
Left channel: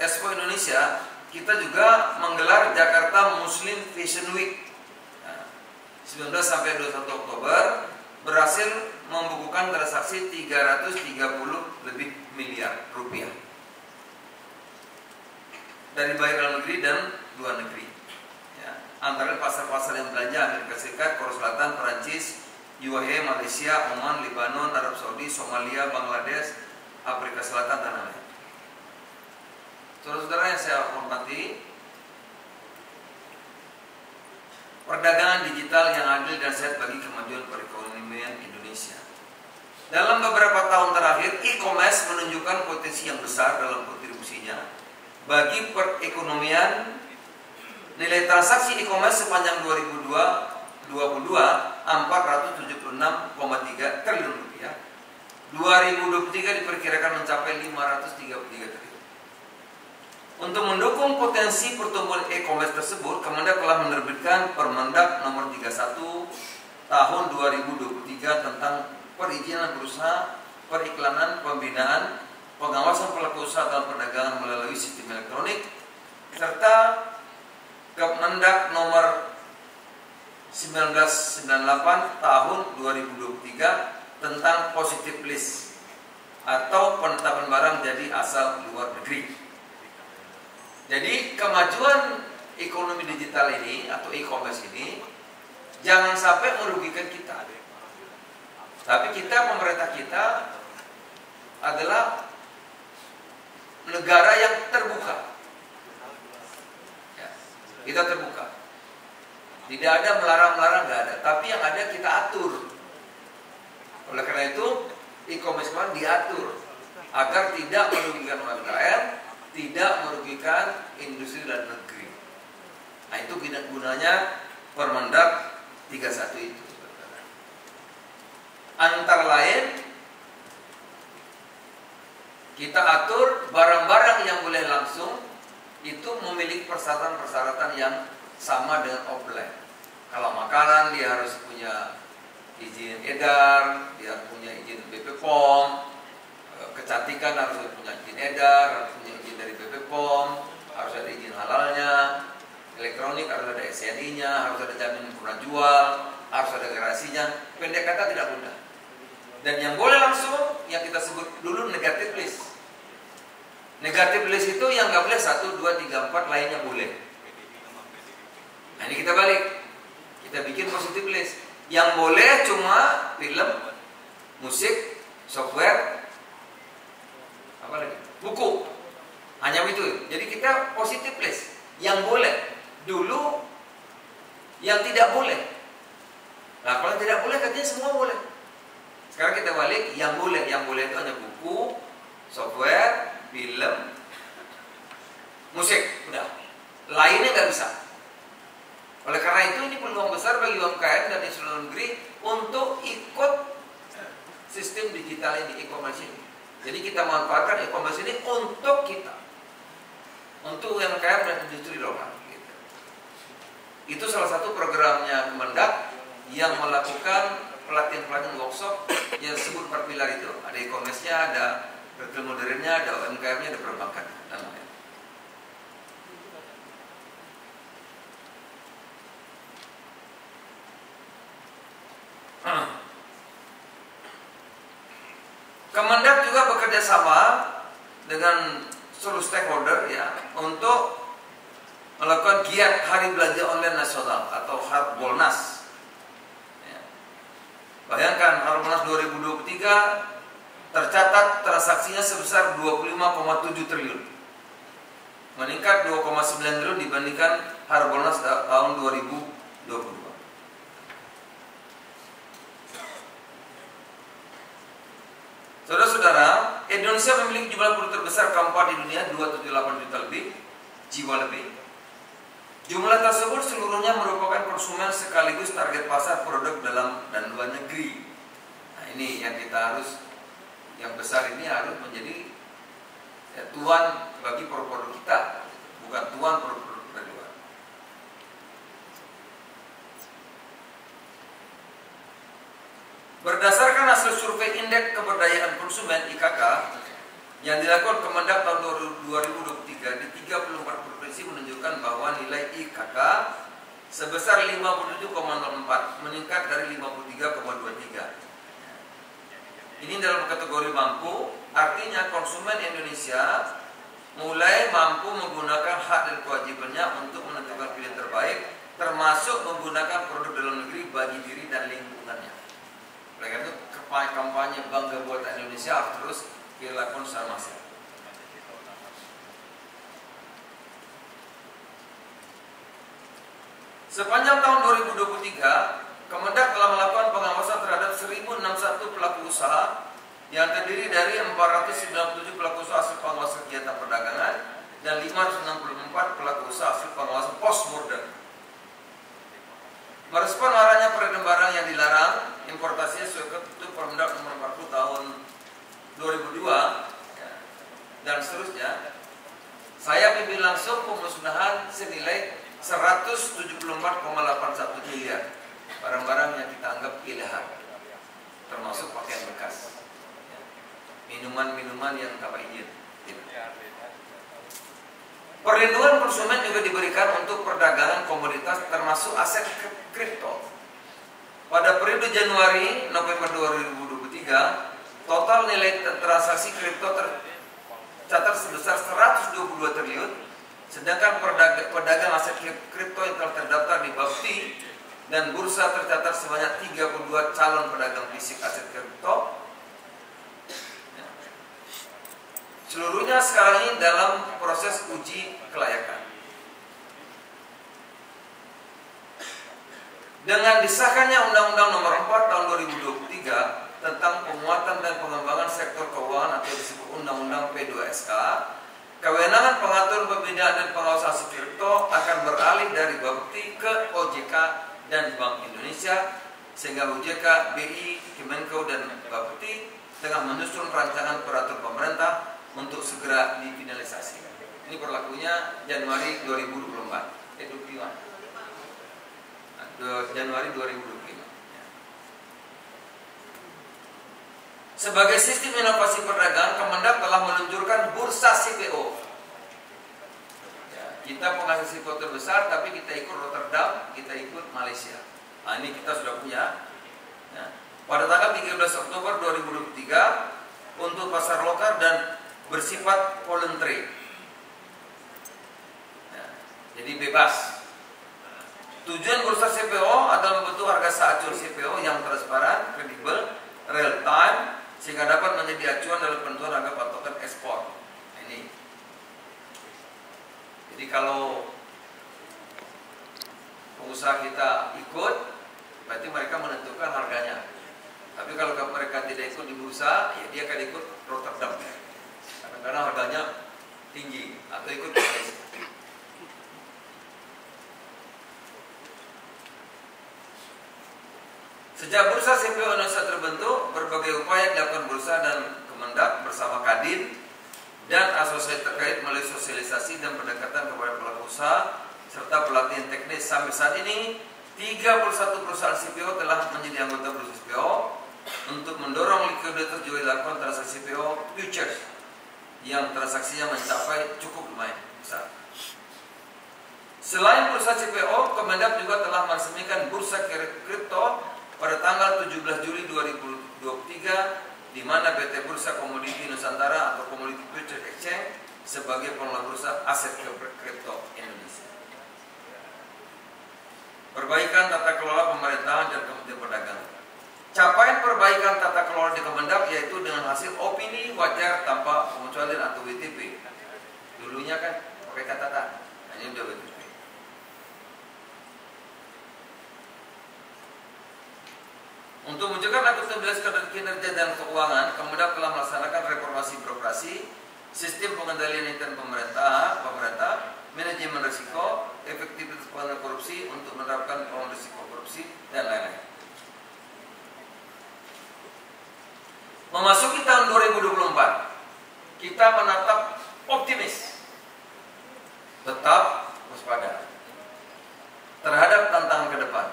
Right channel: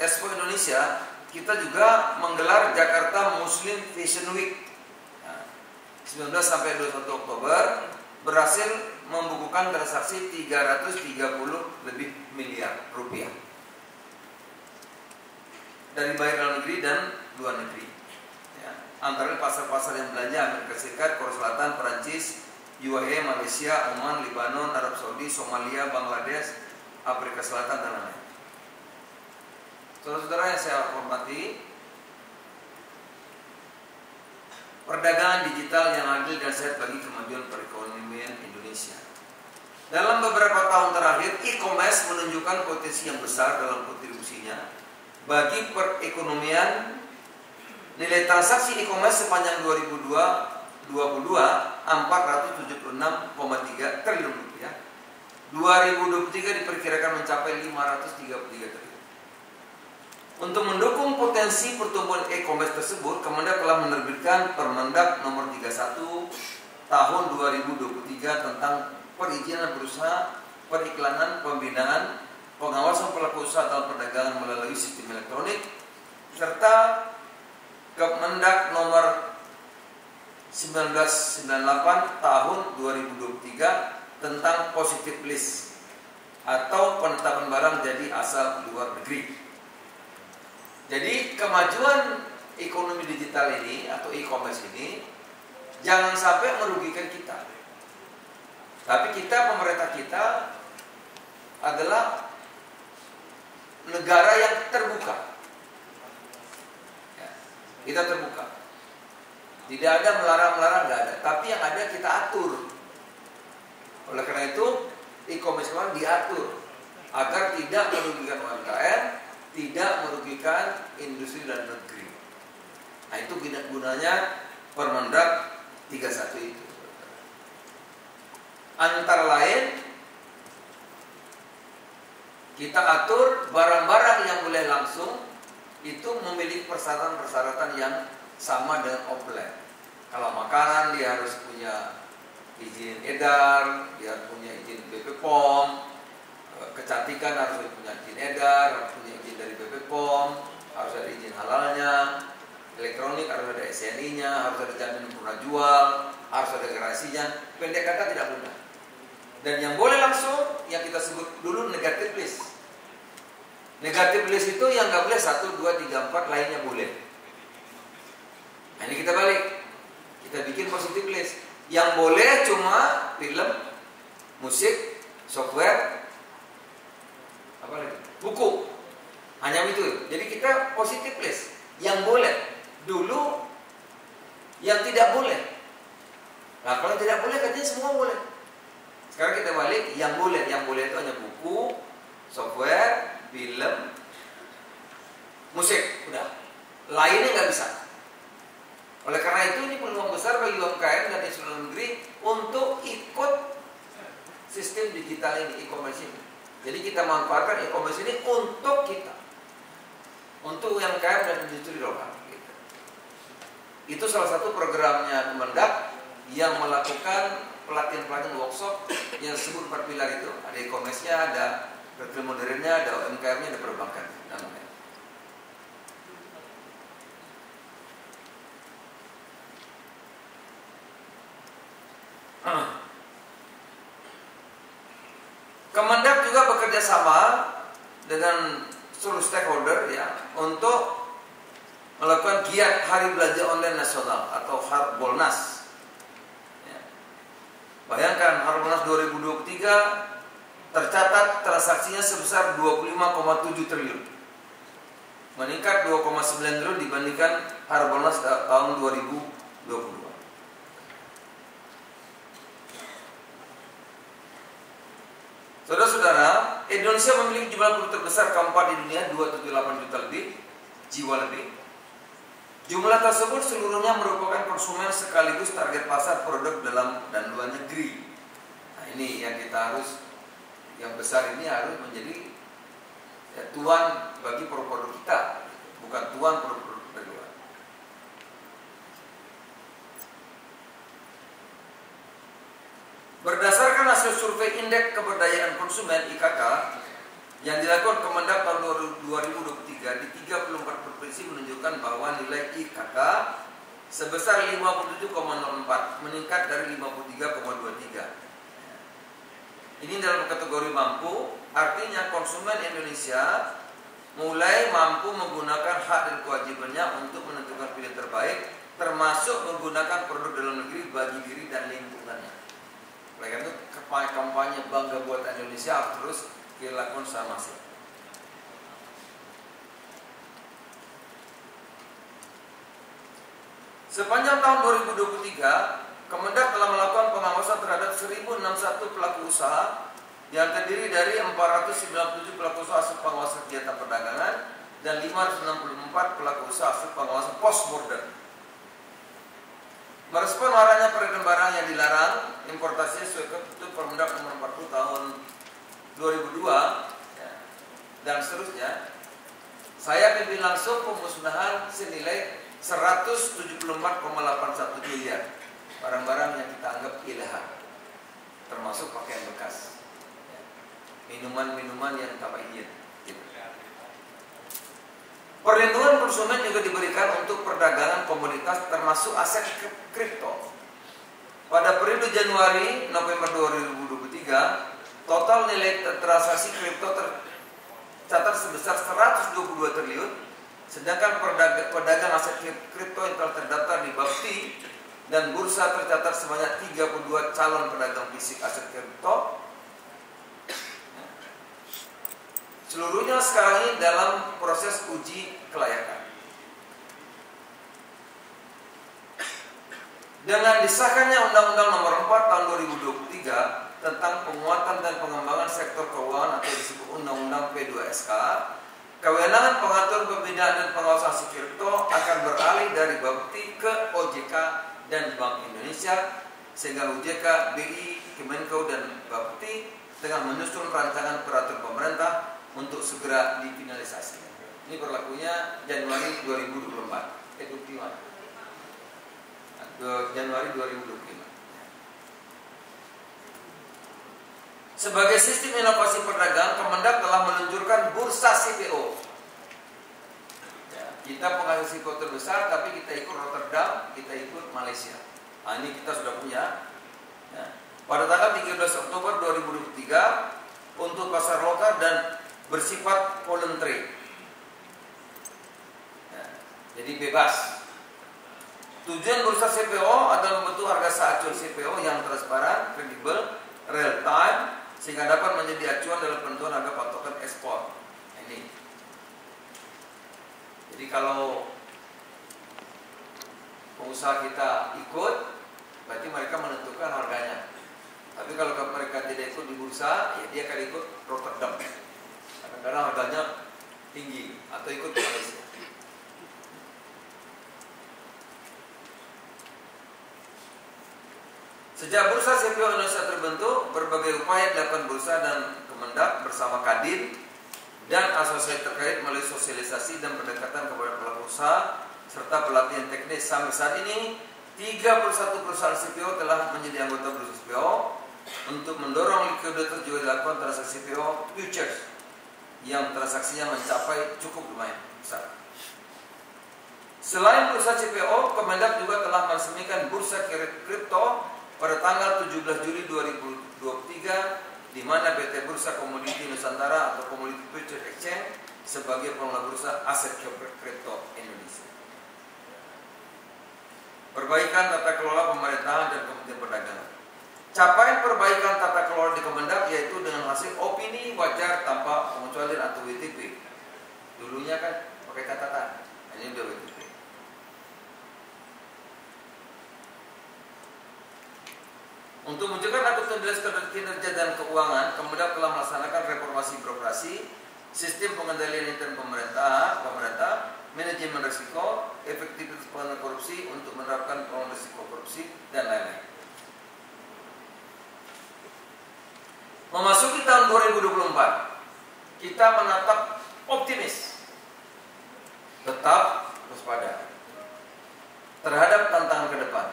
Expo Indonesia, kita juga menggelar Jakarta Muslim Fashion Week. 19 sampai 21 Oktober berhasil membukukan transaksi 330 lebih miliar rupiah dari baik dalam negeri dan luar negeri. Antara pasar-pasar yang belanja Amerika Serikat, Korea Selatan, Perancis, UAE, Malaysia, Oman, Lebanon, Arab Saudi, Somalia, Bangladesh, Afrika Selatan, dan lain-lain. Saudara-saudara yang saya hormati, perdagangan digital yang adil dan sehat bagi kemajuan perekonomian Indonesia. Dalam beberapa tahun terakhir, e-commerce menunjukkan potensi yang besar dalam kontribusinya bagi perekonomian. Nilai transaksi e-commerce sepanjang 2022 476,3 triliun rupiah. 2023 diperkirakan mencapai 533 triliun. Untuk mendukung potensi pertumbuhan e-commerce tersebut, Kemendak telah menerbitkan Permendak nomor 31 tahun 2023 tentang perizinan berusaha, periklanan, pembinaan, pengawasan pelaku usaha dalam perdagangan melalui sistem elektronik, serta Kemendak nomor 1998 tahun 2023 tentang positive list atau penetapan barang jadi asal luar negeri. Jadi kemajuan ekonomi digital ini atau e-commerce ini jangan sampai merugikan kita. Tapi kita, pemerintah kita adalah negara yang terbuka. Kita terbuka. Tidak ada melarang-melarang, nggak ada. Tapi yang ada kita atur. Oleh karena itu, e-commerce diatur agar tidak merugikan UMKM, tidak merugikan industri dan negeri. Nah, itu gunanya Permendak 31 itu. Antara lain, kita atur barang-barang yang boleh langsung itu memiliki persyaratan-persyaratan yang sama dengan offline. Kalau makanan dia harus punya izin edar, dia punya izin BP POM, kecantikan harus punya izin edar, harus punya izin dari BP POM, harus ada izin halalnya, elektronik harus ada SNI-nya, harus ada jaminan pernah jual, harus ada garasinya. Pendek kata tidak benar. Dan yang boleh langsung, yang kita sebut dulu negative list. Negatif list itu yang nggak boleh 1, 2, 3, 4, lainnya boleh. Nah, ini kita balik. Kita bikin positive list. Yang boleh cuma film, musik, software, apa lagi? Buku. Hanya itu. Jadi kita positive list. Yang boleh. Dulu yang tidak boleh. Nah, kalau tidak boleh katanya semua boleh. Sekarang kita balik yang boleh. Yang boleh itu hanya buku, software, film, musik. Udah. Lainnya nggak bisa. Oleh karena itu ini peluang besar bagi UMKM dan di seluruh negeri untuk ikut sistem digital ini, e-commerce ini. Jadi kita manfaatkan e-commerce ini untuk kita, untuk UMKM dan industri lokal. Itu salah satu programnya Kemendak yang melakukan pelatihan-pelatihan workshop yang disebut 4 pilar itu. Ada e-commerce-nya, ada retail modernnya, ada UMKM-nya, ada perbankan. Namanya. Kemendak juga bekerja sama dengan seluruh stakeholder ya untuk melakukan giat Hari Belanja Online Nasional atau Harbolnas. Ya. Bayangkan Harbolnas 2023 tercatat transaksinya sebesar 25,7 triliun, meningkat 2,9 triliun dibandingkan Harbolnas tahun 2022. Saudara-saudara, Indonesia memiliki jumlah penduduk terbesar keempat di dunia, 278 juta lebih, jiwa lebih. Jumlah tersebut seluruhnya merupakan konsumen sekaligus target pasar produk dalam dan luar negeri. Nah, ini yang kita harus, yang besar ini harus menjadi ya, tuan bagi produk kita, bukan tuan produk dari luar. Berdasarkan hasil survei Indeks Keberdayaan Konsumen (IKK) yang dilakukan Kemendak tahun 2023 di 34 provinsi menunjukkan bahwa nilai IKK sebesar 57,04 meningkat dari 53,23. Ini dalam kategori mampu, artinya konsumen Indonesia mulai mampu menggunakan hak dan kewajibannya untuk menentukan pilihan terbaik, termasuk menggunakan produk dalam negeri bagi diri dan lingkungannya. Oleh karena itu kampanye bangga buat Indonesia harus terus dilakukan sama sih. Sepanjang tahun 2023, Kemendak telah melakukan pengawasan terhadap 1061 pelaku usaha yang terdiri dari 497 pelaku usaha hasil pengawasan kegiatan perdagangan dan 564 pelaku usaha hasil pengawasan post border. Merespon maraknya peredaran barang yang dilarang importasinya sesuai ketentuan Permendak nomor 40 tahun 2002 ya, dan seterusnya, saya pimpin langsung pemusnahan senilai 174,81 miliar barang-barang yang kita anggap ilegal, termasuk pakaian bekas, minuman-minuman yang tanpa izin. Perlindungan konsumen juga diberikan untuk perdagangan komoditas termasuk aset kripto. Pada periode Januari-November 2023, total nilai transaksi kripto tercatat sebesar 122 triliun, sedangkan pedagang aset kripto yang telah terdaftar di Bapti dan bursa tercatat sebanyak 32 calon pedagang fisik aset kripto. Seluruhnya sekarang ini dalam proses uji kelayakan. Dengan disahkannya Undang-Undang Nomor 4 Tahun 2023 tentang penguatan dan pengembangan sektor keuangan atau disebut Undang-Undang P2SK, kewenangan pengatur pembinaan dan pengawasan aset kripto akan beralih dari Bapti ke OJK dan Bank Indonesia, sehingga OJK, BI, Kemenko dan Bapti tengah menyusun rancangan peraturan pemerintah untuk segera difinalisasi. Ini berlakunya Januari 2024. Januari 2025. Sebagai sistem inovasi perdagangan, Kemendak telah meluncurkan bursa CPO. Ya, kita penghasil CPO terbesar, tapi kita ikut Rotterdam, kita ikut Malaysia. Nah, ini kita sudah punya. Ya. Pada tanggal 13 Oktober 2023 untuk pasar lokal dan bersifat voluntary, ya, jadi bebas. Tujuan bursa CPO adalah membentuk harga seacuan CPO yang transparan, kredibel, real time, sehingga dapat menjadi acuan dalam penentuan harga patokan ekspor. Ini. Jadi kalau pengusaha kita ikut, berarti mereka menentukan harganya. Tapi kalau mereka tidak ikut di bursa, ya dia akan ikut Rotterdam. Kadang-kadang harganya tinggi atau ikut Malaysia. Sejak bursa CPO Indonesia terbentuk, berbagai upaya dilakukan bursa dan Kemendak bersama Kadin dan asosiasi terkait melalui sosialisasi dan pendekatan kepada pelaku usaha serta pelatihan teknis. Sampai saat ini 31 perusahaan CPO telah menjadi anggota bursa CPO. Untuk mendorong likuiditas juga dilakukan transaksi CPO futures yang transaksinya mencapai cukup lumayan besar. Selain bursa CPO, Kemendak juga telah meresmikan bursa kripto pada tanggal 17 Juli 2023, di mana PT Bursa Komoditi Nusantara atau Commodity Futures Exchange sebagai pengelola bursa aset kripto Indonesia. Perbaikan tata kelola pemerintahan dan Kementerian Perdagangan. Capaian perbaikan tata kelola di Kemendak yaitu dengan hasil opini wajar tanpa pengecualian atau WTP. Dulunya kan pakai catatan, ini udah WTP. Untuk menunjukkan akuntabilitas kinerja dan keuangan, Kemendak telah melaksanakan reformasi birokrasi, sistem pengendalian intern pemerintah, manajemen risiko, efektivitas penanganan korupsi untuk menerapkan pengelolaan risiko korupsi dan lain-lain. Memasuki tahun 2024, kita menatap optimis, tetap waspada terhadap tantangan ke depan.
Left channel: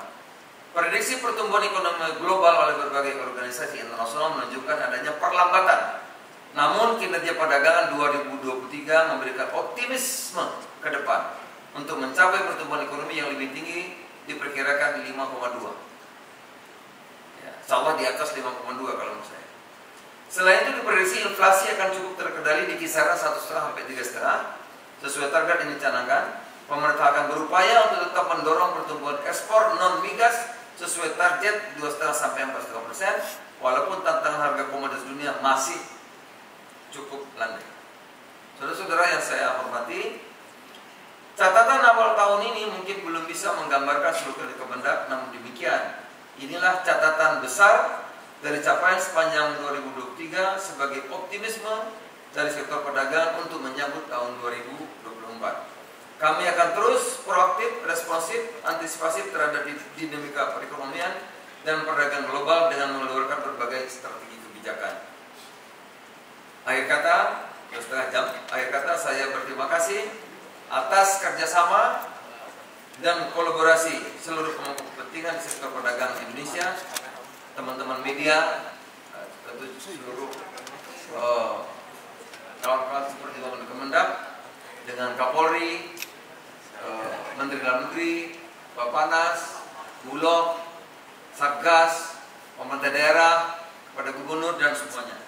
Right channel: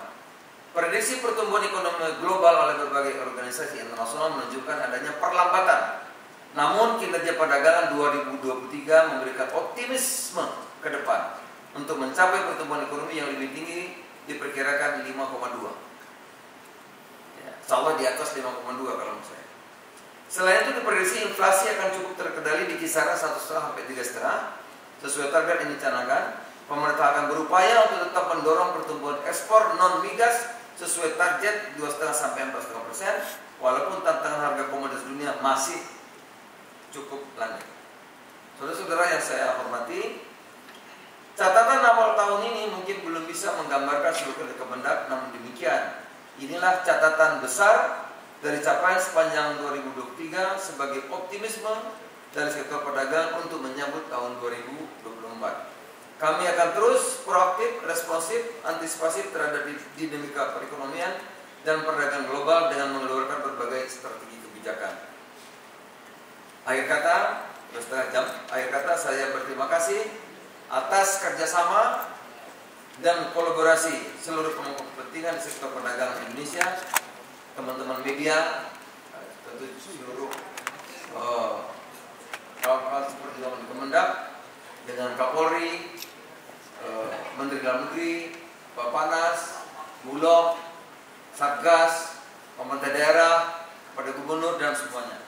Prediksi pertumbuhan ekonomi global oleh berbagai organisasi internasional menunjukkan adanya perlambatan. Namun kinerja perdagangan 2023 memberikan optimisme ke depan untuk mencapai pertumbuhan ekonomi yang lebih tinggi, diperkirakan di 5,2. Ya, insya Allah di atas 5,2 kalau menurut saya. Selain itu diprediksi inflasi akan cukup terkendali di kisaran 1,5 sampai 3,5 sesuai target yang dicanangkan. Pemerintah akan berupaya untuk tetap mendorong pertumbuhan ekspor non migas sesuai target 2,5 sampai 4,5%, walaupun tantangan harga komoditas dunia masih cukup landai. Saudara-saudara yang saya hormati, catatan awal tahun ini mungkin belum bisa menggambarkan seluruh Kemendak, namun demikian inilah catatan besar dari capaian sepanjang 2023 sebagai optimisme dari sektor perdagangan untuk menyambut tahun 2024. Kami akan terus proaktif, responsif, antisipasif terhadap dinamika perekonomian dan perdagangan global dengan mengeluarkan berbagai strategi kebijakan. Akhir kata, setengah jam. Akhir kata saya berterima kasih atas kerjasama dan kolaborasi seluruh pemangku kepentingan di sektor perdagangan Indonesia, teman-teman media, tentu seluruh kawan-kawan seperti teman Kemendak, dengan Kapolri, Menteri Dalam Negeri, Bapanas, Bulog, Satgas, pemerintah daerah, pada gubernur dan semuanya.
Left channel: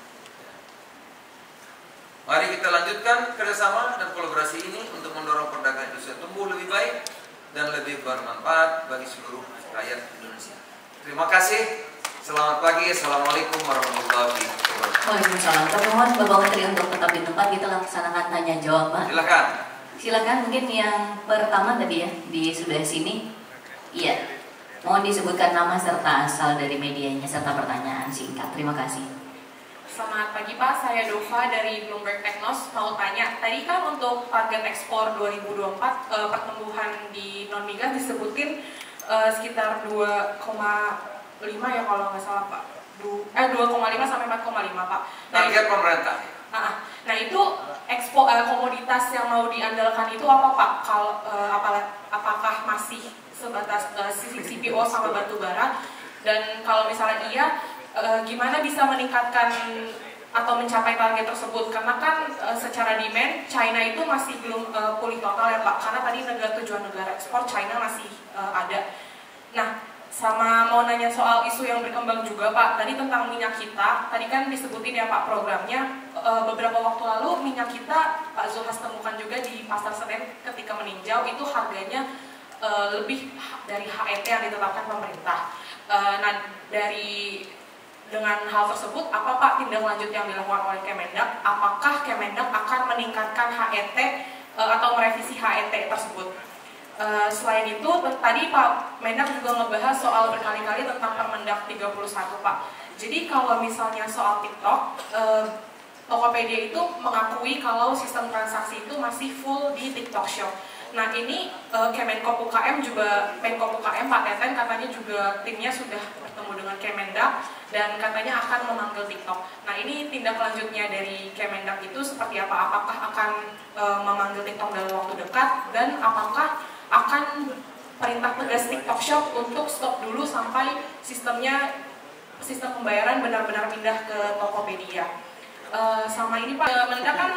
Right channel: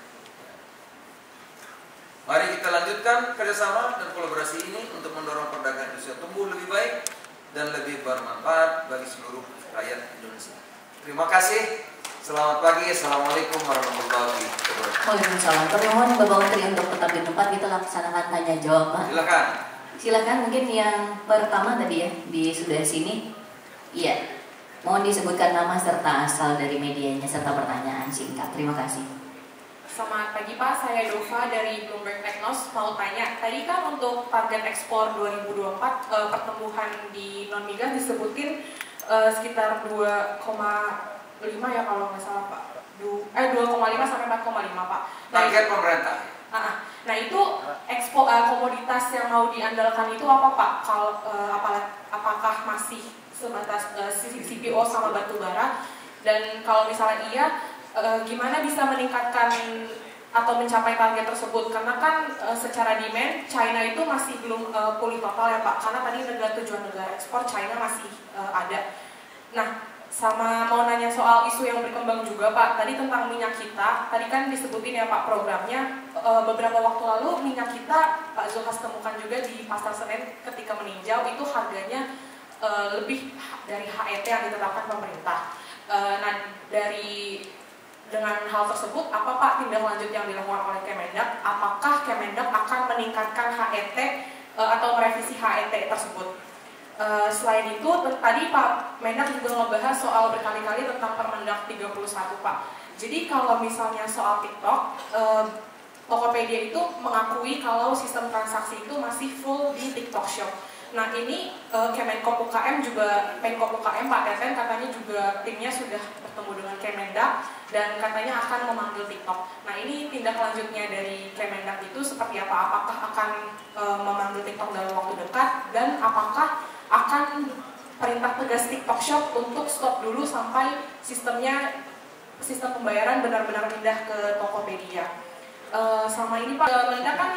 Mari kita lanjutkan kerjasama dan kolaborasi ini untuk mendorong perdagangan Indonesia tumbuh lebih baik dan lebih bermanfaat bagi seluruh rakyat Indonesia. Terima kasih. Selamat pagi. Assalamualaikum warahmatullahi wabarakatuh. Waalaikumsalam. Kami mohon Bapak Menteri untuk tetap di tempat, kita laksanakan tanya jawab, Pak. Silakan. Silakan, mungkin yang pertama tadi ya di sebelah sini. Iya. Mohon disebutkan nama serta asal dari medianya serta pertanyaan singkat. Terima kasih. Selamat pagi Pak, saya Dova dari Bloomberg Technos. Mau tanya, tadi kan untuk target ekspor 2024 pertumbuhan di non migas disebutin sekitar 2,5 ya kalau nggak salah Pak. 2,5 sampai 4,5 Pak. Target pemerintah. Nah itu komoditas yang mau diandalkan itu apa Pak? Apakah masih sebatas CPO sama batu bara? Dan kalau misalnya iya, gimana bisa meningkatkan atau mencapai target tersebut? Karena kan secara demand China itu masih belum pulih total ya Pak. Karena tadi tujuan negara ekspor China masih ada. Nah, sama mau nanya soal isu yang berkembang juga Pak. Tadi tentang minyak kita, tadi kan disebutin ya Pak programnya. Beberapa waktu lalu minyak kita Pak Zulhas temukan juga di pasar Senen ketika meninjau itu harganya lebih dari HET yang ditetapkan pemerintah. Nah, dengan hal tersebut, apa Pak tindak lanjut yang dilakukan oleh Kemendak? Apakah Kemendak akan meningkatkan HET atau merevisi HET tersebut? Selain itu, tadi Pak Mendak juga ngebahas soal berkali-kali tentang Permendak 31 Pak. Jadi kalau misalnya soal TikTok, Tokopedia itu mengakui kalau sistem transaksi itu masih full di TikTok Shop. Nah ini Kemenko UKM juga, Menko UKM Pak Teten katanya juga timnya sudah bertemu dengan Kemendak dan katanya akan memanggil TikTok. Nah ini tindak lanjutnya dari Kemendak itu seperti apa? Apakah akan memanggil TikTok dalam waktu dekat dan apakah akan perintah tegas TikTok Shop untuk stop dulu sampai sistem pembayaran benar-benar pindah ke Tokopedia. Sama ini Pak, Mendak kan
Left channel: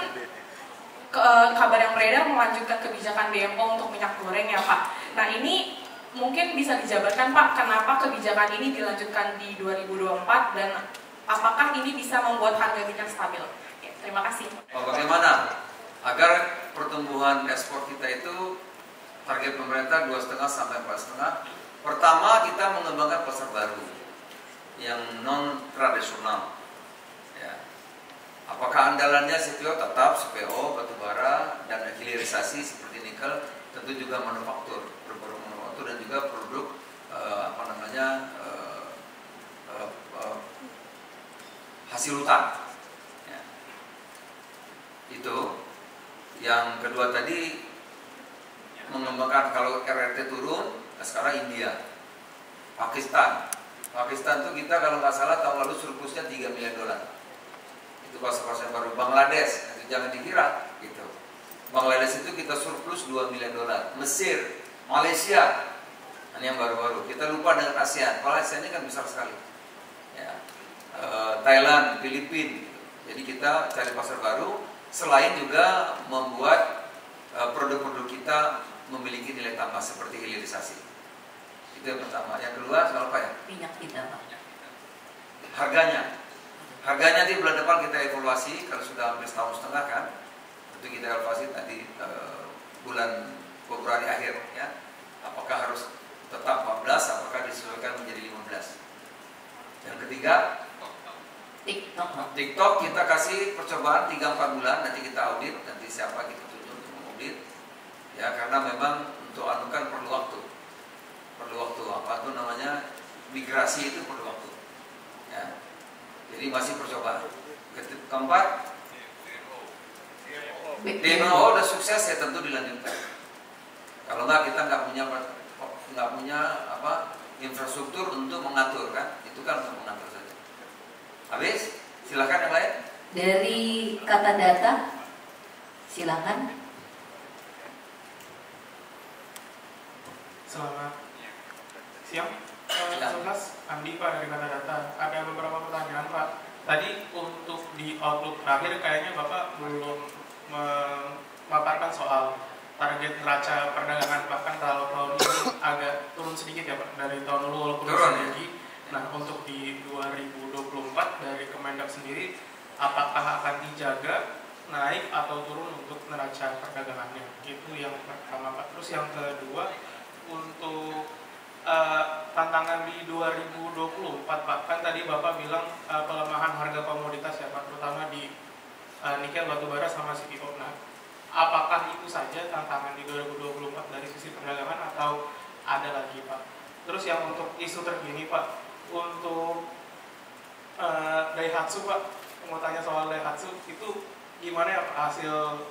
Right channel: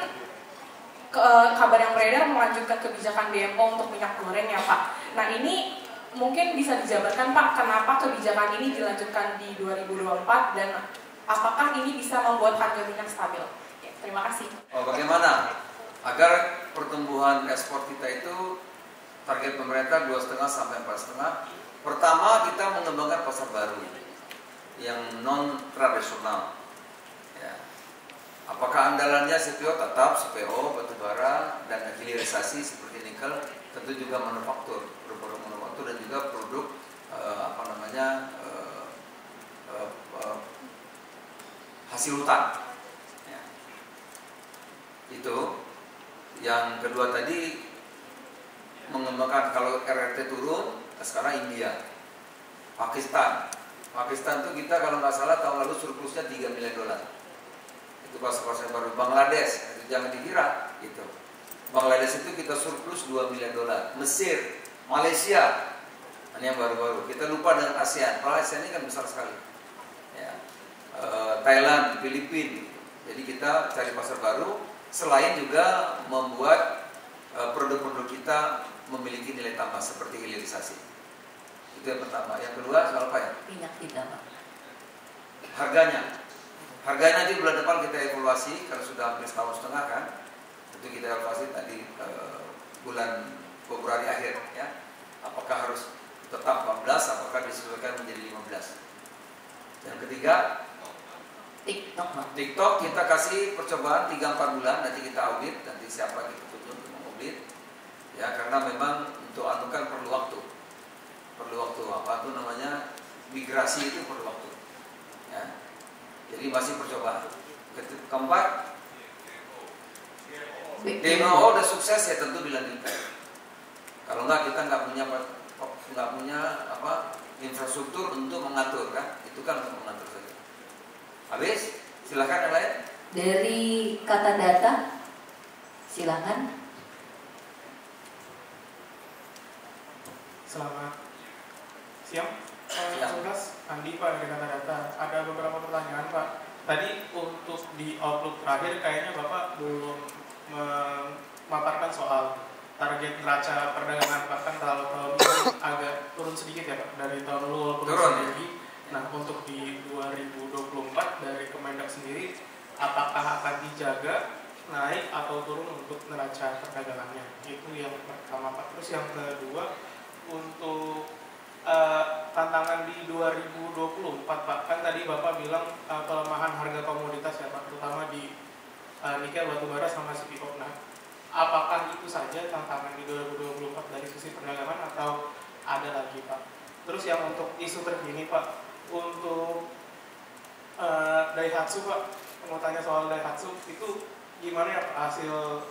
kabar yang beredar melanjutkan kebijakan DMO untuk minyak goreng ya Pak. Nah ini mungkin bisa dijabarkan Pak, kenapa kebijakan ini dilanjutkan di 2024 dan apakah ini bisa membuat harga minyak stabil? Oke, terima kasih. Bagaimana agar pertumbuhan ekspor kita itu target pemerintah 2,5 sampai 4,5. Pertama kita mengembangkan pasar baru yang non tradisional. Ya. Apakah andalannya CPO? Tetap CPO, batubara, dan hilirisasi seperti nikel, tentu juga manufaktur, produk manufaktur dan juga produk hasil hutan. Ya. Itu. Yang kedua tadi mengembangkan kalau RRT turun, sekarang India, Pakistan itu kita kalau nggak salah tahun lalu surplusnya $3 miliar. Itu pasar yang baru. Bangladesh itu jangan dikira gitu. Bangladesh itu kita surplus $2 miliar. Mesir, Malaysia, ini yang baru-baru. Kita lupa dengan ASEAN. Kalau ASEAN ini kan besar sekali. Ya. Thailand, Filipina. Jadi kita cari pasar baru. Selain juga membuat produk-produk kita memiliki nilai tambah seperti hilirisasi. Itu yang pertama. Yang kedua, apa ya? Minyak kita Pak. Harganya di bulan depan kita evaluasi kalau sudah hampir setahun setengah kan. Itu kita evaluasi tadi bulan Februari akhir ya. Apakah harus tetap 14, apakah disesuaikan menjadi 15. Yang ketiga, TikTok kita kasih percobaan 3-4 bulan, nanti kita audit, nanti siapa kita tuntut untuk mengaudit. Ya, karena memang untuk kan perlu waktu, migrasi itu perlu waktu. Ya. Jadi masih percobaan. Keempat, DMO udah sukses ya tentu dilanjutkan. Kalau enggak kita nggak punya infrastruktur untuk mengatur kan, itu kan untuk mengatur saja. Habis, silakan yang lain. Dari kata data, silakan. Selamat siang, Mas Andi Pak dari Kata Data. Ada beberapa pertanyaan Pak. Tadi untuk di outlook terakhir kayaknya Bapak belum memaparkan soal target neraca perdagangan. Bahkan kalau tahun ini agak turun sedikit ya Pak dari tahun lalu walaupun turun. Nah untuk di 2024 dari Kemendak sendiri, apakah akan dijaga naik atau turun untuk neraca perdagangannya? Itu yang pertama Pak. Terus yang kedua, untuk tantangan di 2024 Pak, kan tadi Bapak bilang pelemahan harga komoditas ya Pak, terutama di nikel, batubara sama CPO. Nah, apakah itu saja tantangan di 2024 dari sisi perdagangan atau ada lagi Pak? Terus yang untuk isu terkini Pak, untuk Daihatsu Pak, mau tanya soal Daihatsu itu gimana ya Pak, hasil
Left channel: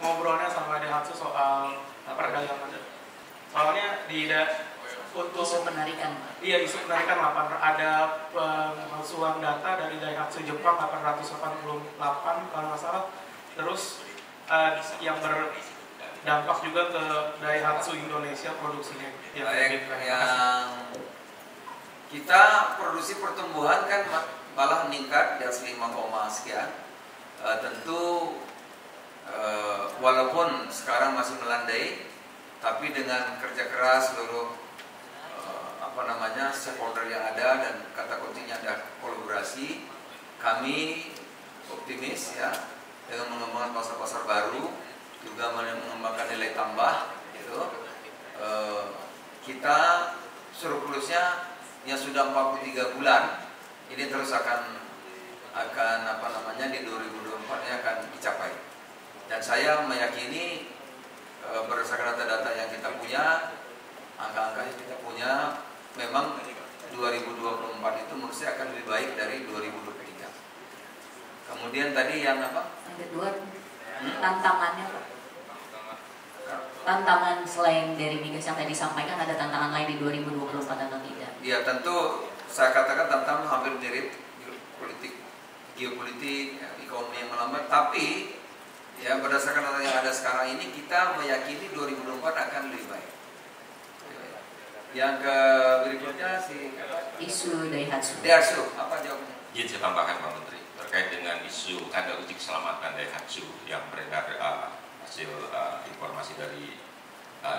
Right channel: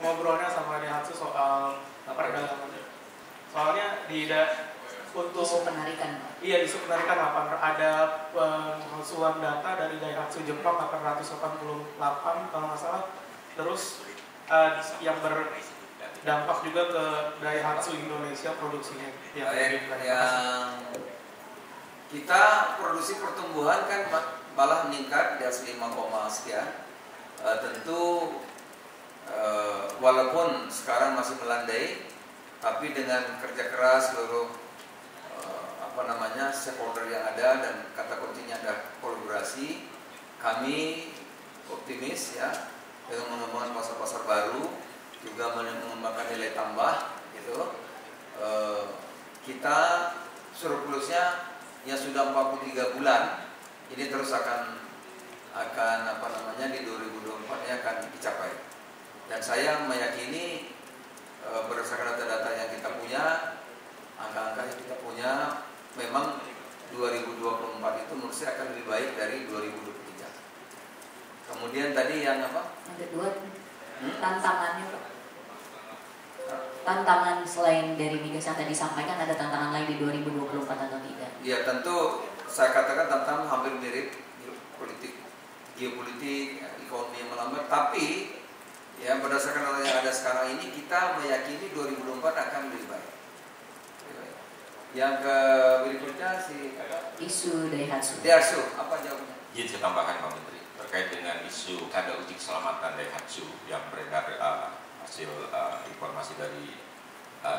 ngobrolnya sama Daihatsu soal perdagangan? Soalnya untuk isu penarikan. Iya, isu penarikan ada pemalsuan data dari Daihatsu Jepang 888 kalau nggak salah. Terus yang berdampak juga ke Daihatsu Indonesia produksinya. Yang kita produksi pertumbuhan kan malah meningkat di atas 5, sekian. Tentu walaupun sekarang masih melandai, tapi dengan kerja keras seluruh stakeholder yang ada dan kata kuncinya ada kolaborasi, kami optimis ya dengan mengembangkan pasar-pasar baru, juga mengembangkan nilai tambah gitu. kita surplusnya yang sudah 43 bulan ini terus akan apa namanya di 2024 ini akan dicapai. Dan saya meyakini berdasarkan data-data yang kita punya, angka-angka yang kita punya, memang 2024 itu menurut saya akan lebih baik dari 2023. Kemudian tadi yang apa? Yang kedua, tantangannya Pak. Tantangan selain dari migas yang tadi disampaikan, ada tantangan lain di 2024 atau tidak? Ya tentu saya katakan tantangan hampir mirip geopolitik, ekonomi yang melambat, tapi ya berdasarkan data yang ada sekarang ini kita meyakini 2024 akan lebih baik. Yang berikutnya isu Daihatsu. Daihatsu, apa jawabnya? Izin saya tambahkan Pak Menteri terkait dengan isu tanda uji keselamatan Daihatsu yang beredar hasil informasi dari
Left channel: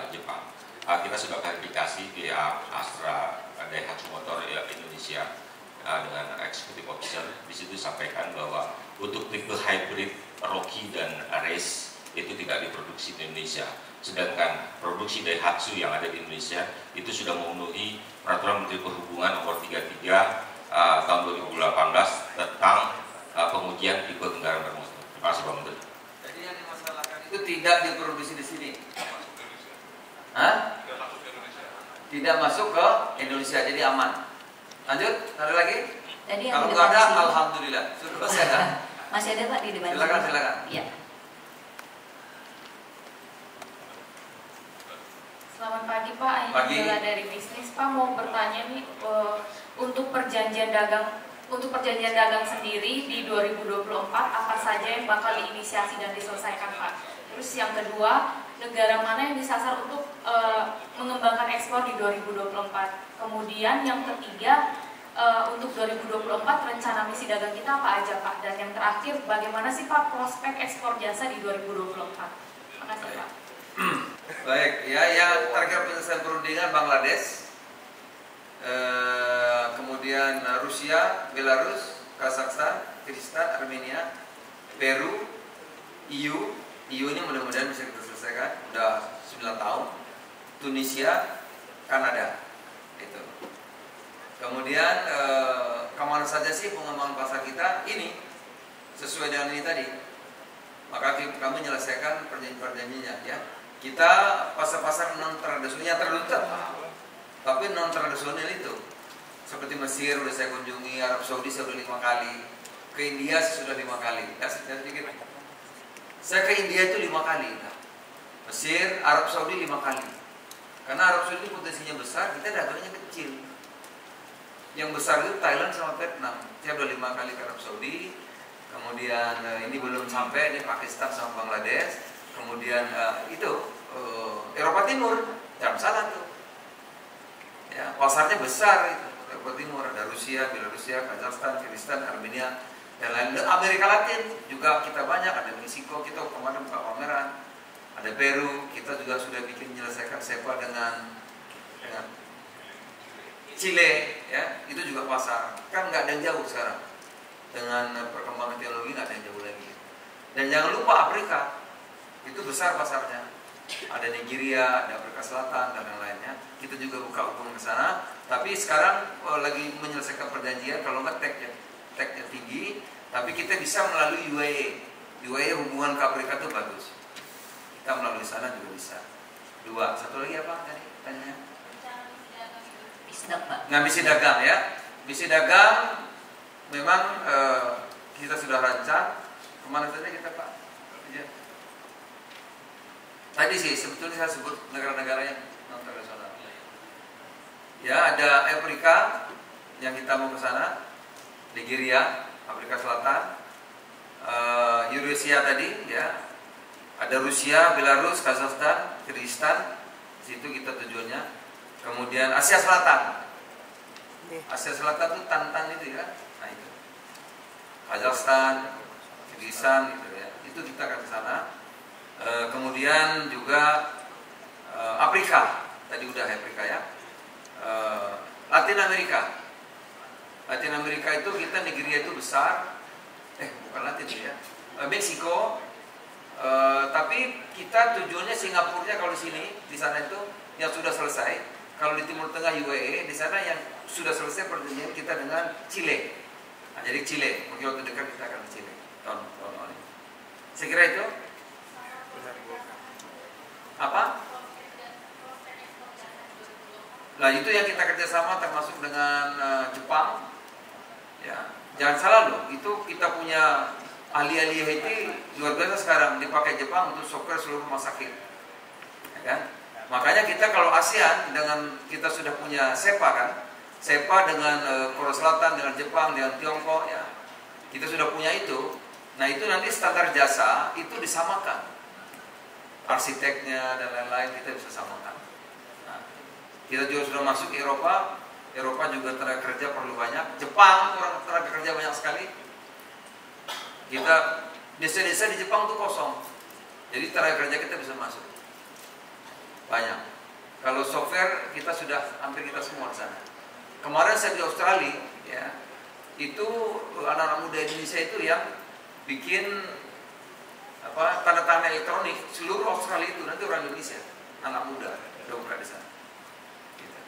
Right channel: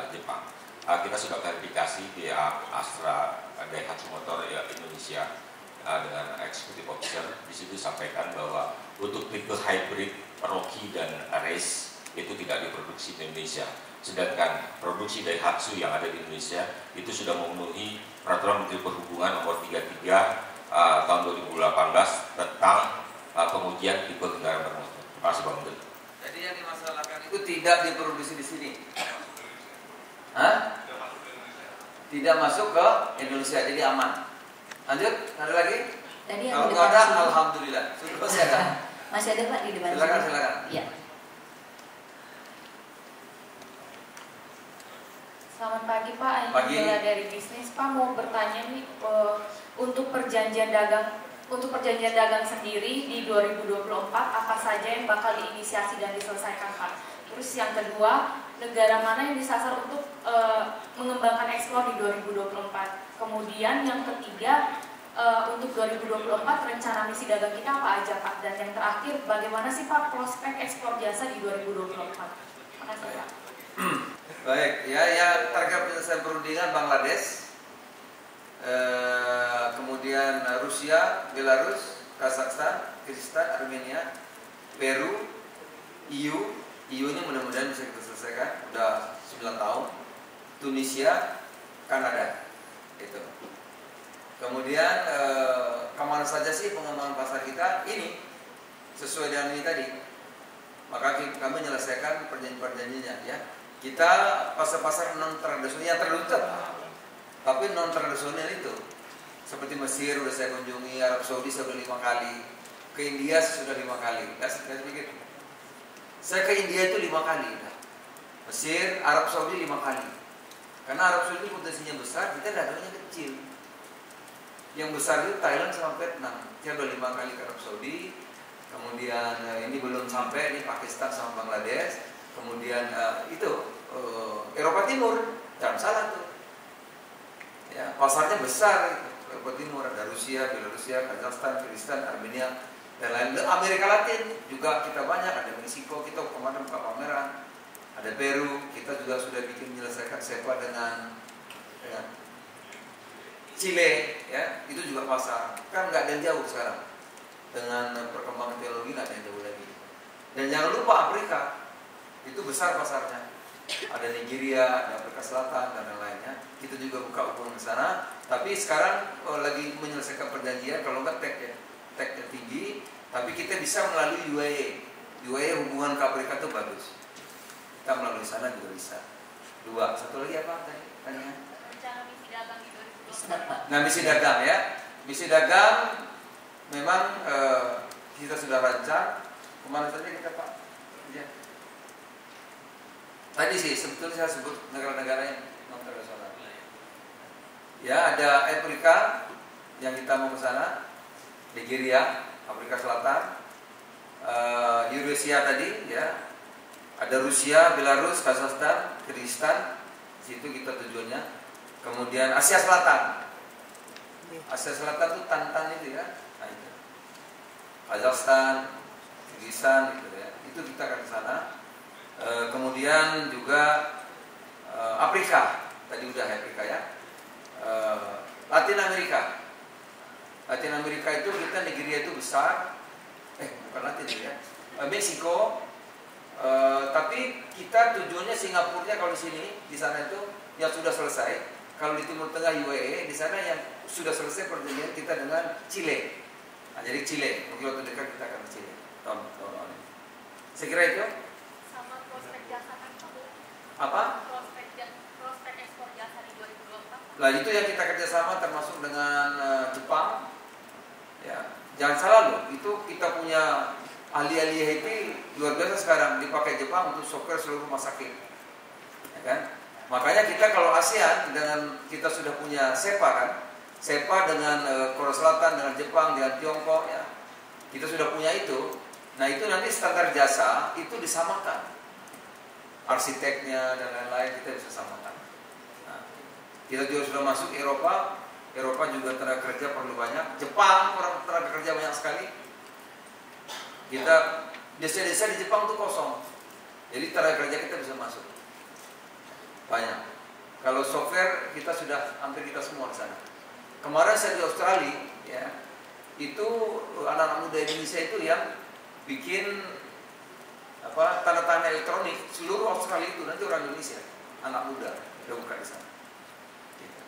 Jepang. Kita sudah klarifikasi di Astra Daihatsu Motor Indonesia dengan eksekutif officer. Di situ sampaikan bahwa untuk tipe hybrid Rocky dan Race itu tidak diproduksi di Indonesia. Sedangkan produksi Daihatsu yang ada di Indonesia itu sudah memenuhi Peraturan Menteri Perhubungan Nomor 33 tahun 2018 tentang pengujian tipe kendaraan bermotor. Terima kasih Pak Menteri. Jadi yang dimasalahkan itu tidak diproduksi di sini. Hah? Tidak masuk ke Indonesia, jadi aman. Lanjut, ada lagi? Tadi yang kalau di nggak ada, depan sini. alhamdulillah. Masih ada. Masih ada Pak di depan. Silakan, sini. silakan. Ya. Selamat pagi Pak, Pagi. Angela dari bisnis. Pak mau bertanya nih untuk perjanjian dagang sendiri di 2024 apa saja yang bakal diinisiasi dan diselesaikan Pak? Terus yang kedua, negara mana yang disasar untuk mengembangkan ekspor di 2024? Kemudian yang ketiga, untuk 2024 rencana misi dagang kita apa aja Pak? Dan yang terakhir, bagaimana sih Pak prospek ekspor jasa di 2024? Terima kasih Pak. Baik, ya target penyelesaian perundingan Bangladesh, kemudian Rusia, Belarus, Kazakhstan, Kirgistan, Armenia, Peru, EU ini mudah-mudahan bisa kita selesaikan, udah 9 tahun, Tunisia, Kanada, gitu. Kemudian kemana saja sih pengembangan pasar kita ini sesuai dengan ini tadi, maka kami menyelesaikan perjanjian-perjanjiannya ya. Kita pasar-pasar non tradisional yang tertutup, tapi non tradisional itu seperti Mesir sudah saya kunjungi, Arab Saudi saya sudah 5 kali, ke India sudah 5 kali. Ya, saya pikir saya ke India itu 5 kali, Mesir, Arab Saudi 5 kali. Karena Arab Saudi potensinya besar, kita dagangnya kecil. Yang besar itu Thailand sama Vietnam. Saya sudah 5 kali ke Arab Saudi. Kemudian ini belum sampai, ini Pakistan sama Bangladesh. Kemudian Eropa Timur, jangan salah tuh. Ya, pasarnya besar itu. Eropa Timur ada Rusia, Belarusia, Kazakhstan, Kirgistan, Armenia, dan lain-lain. Amerika Latin juga kita banyak, ada Meksiko, kita kemarin buka pameran. Ada Peru, kita juga sudah bikin menyelesaikan SEPA dengan Chile, ya, itu juga pasar. Kan nggak ada yang jauh sekarang. Dengan perkembangan teknologi nggak ada yang jauh lagi. Dan jangan lupa Afrika. Itu besar pasarnya. Ada Nigeria, ada Afrika Selatan dan yang lainnya. Kita juga buka hubungan ke sana. Tapi sekarang lagi menyelesaikan perjanjian kalau nggak tag-nya tinggi, tapi kita bisa melalui UAE. UAE hubungan ke Afrika itu bagus. Kita melalui sana juga bisa. 2, satu lagi apa tadi? Tanya. Nah, misi dagang ya. Misi dagang memang kita sudah rancang. Kemana saja kita Pak? Tadi sih sebetulnya saya sebut negara-negara yang non tradisional. Ya, ada Afrika yang kita mau ke sana, Nigeria, Afrika Selatan, Eurasia tadi, ya. Ada Rusia, Belarus, Kazakhstan, Kirgistan, situ kita tujuannya. Kemudian Asia Selatan. Asia Selatan itu Tantan itu ya. Nah itu. Kazakhstan, Kirgistan gitu ya. Itu kita akan ke sana. Kemudian juga Afrika, tadi udah Afrika ya. Latin Amerika. Latin Amerika itu kita Nigeria itu besar. Bukan Latin ya. Meksiko. Tapi kita tujuannya Singapurnya kalau di sini, di sana itu yang sudah selesai. Kalau di Timur Tengah UAE, di sana yang sudah selesai perjanjian kita dengan Chile. Nah, jadi Chile, mungkin waktu dekat kita akan ke Chile tahun ini. Saya kira itu. Apa? Nah, itu yang kita kerjasama termasuk dengan Jepang. Ya, jangan salah loh, itu kita punya ahli-ahli IT luar biasa sekarang dipakai Jepang untuk software seluruh rumah sakit. Ya kan? Makanya kita kalau ASEAN dengan kita sudah punya SEPA kan, SEPA dengan Korea Selatan, dengan Jepang, dengan Tiongkok ya, kita sudah punya itu. Nah itu nanti standar jasa itu disamakan, arsiteknya dan lain-lain kita bisa samakan. Nah, kita juga sudah masuk ke Eropa, Eropa juga tenaga kerja perlu banyak, Jepang orang tenaga kerja banyak sekali. Kita desa-desa di Jepang tuh kosong, jadi tenaga kerja kita bisa masuk. Banyak. Kalau software kita sudah hampir kita semua di sana. Kemarin saya di Australia, ya, itu anak-anak muda Indonesia itu yang bikin tanda-tanda elektronik seluruh Australia itu nanti orang Indonesia, anak muda udah buka di sana. Gitu.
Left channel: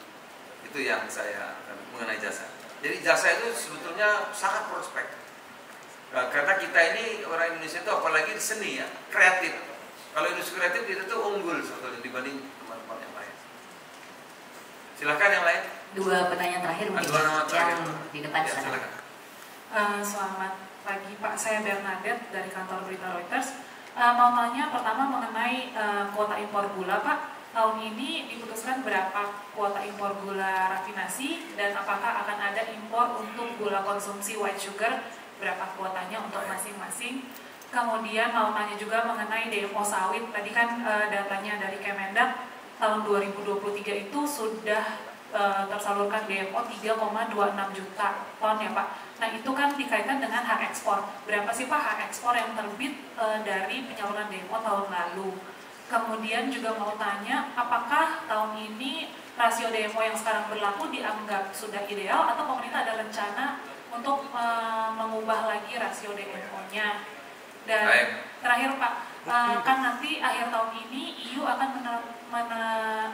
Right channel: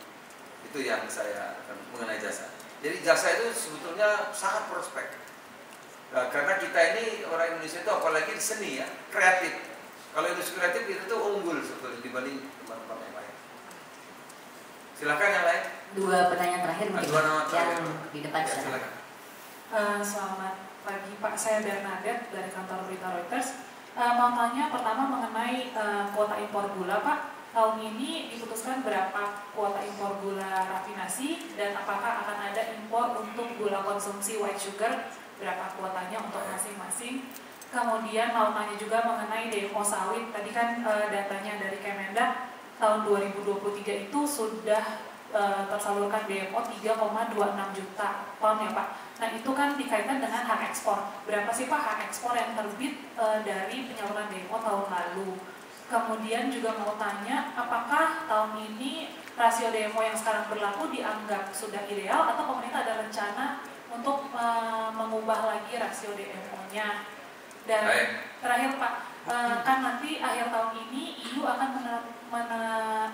Itu yang saya mengenai jasa. Jadi jasa itu sebetulnya sangat prospek. Nah, karena kita ini orang Indonesia itu apalagi di seni ya, kreatif. Kalau industri kreatif itu tuh unggul sebetulnya dibanding teman-teman yang lain. Silakan yang lain. 2 pertanyaan terakhir mungkin yang di depan ya, sana. Selamat pagi Pak, saya Bernadette dari kantor berita Reuters. Mau tanya pertama mengenai kuota impor gula Pak. Tahun ini diputuskan berapa kuota impor gula rafinasi dan apakah akan ada impor untuk gula konsumsi white sugar, berapa kuotanya untuk masing-masing. Kemudian mau tanya juga mengenai demo sawit. Tadi kan datanya dari Kemendak tahun 2023 itu sudah tersalurkan demo 3,26 juta ton ya Pak. Nah itu kan dikaitkan dengan hak ekspor. Berapa sih Pak hak ekspor yang terbit dari penyaluran demo tahun lalu? Kemudian juga mau tanya apakah tahun ini rasio demo yang sekarang berlaku dianggap sudah ideal atau pemerintah ada rencana untuk mengubah lagi rasio demo-nya? Dan terakhir Pak, kan nanti akhir tahun ini EU akan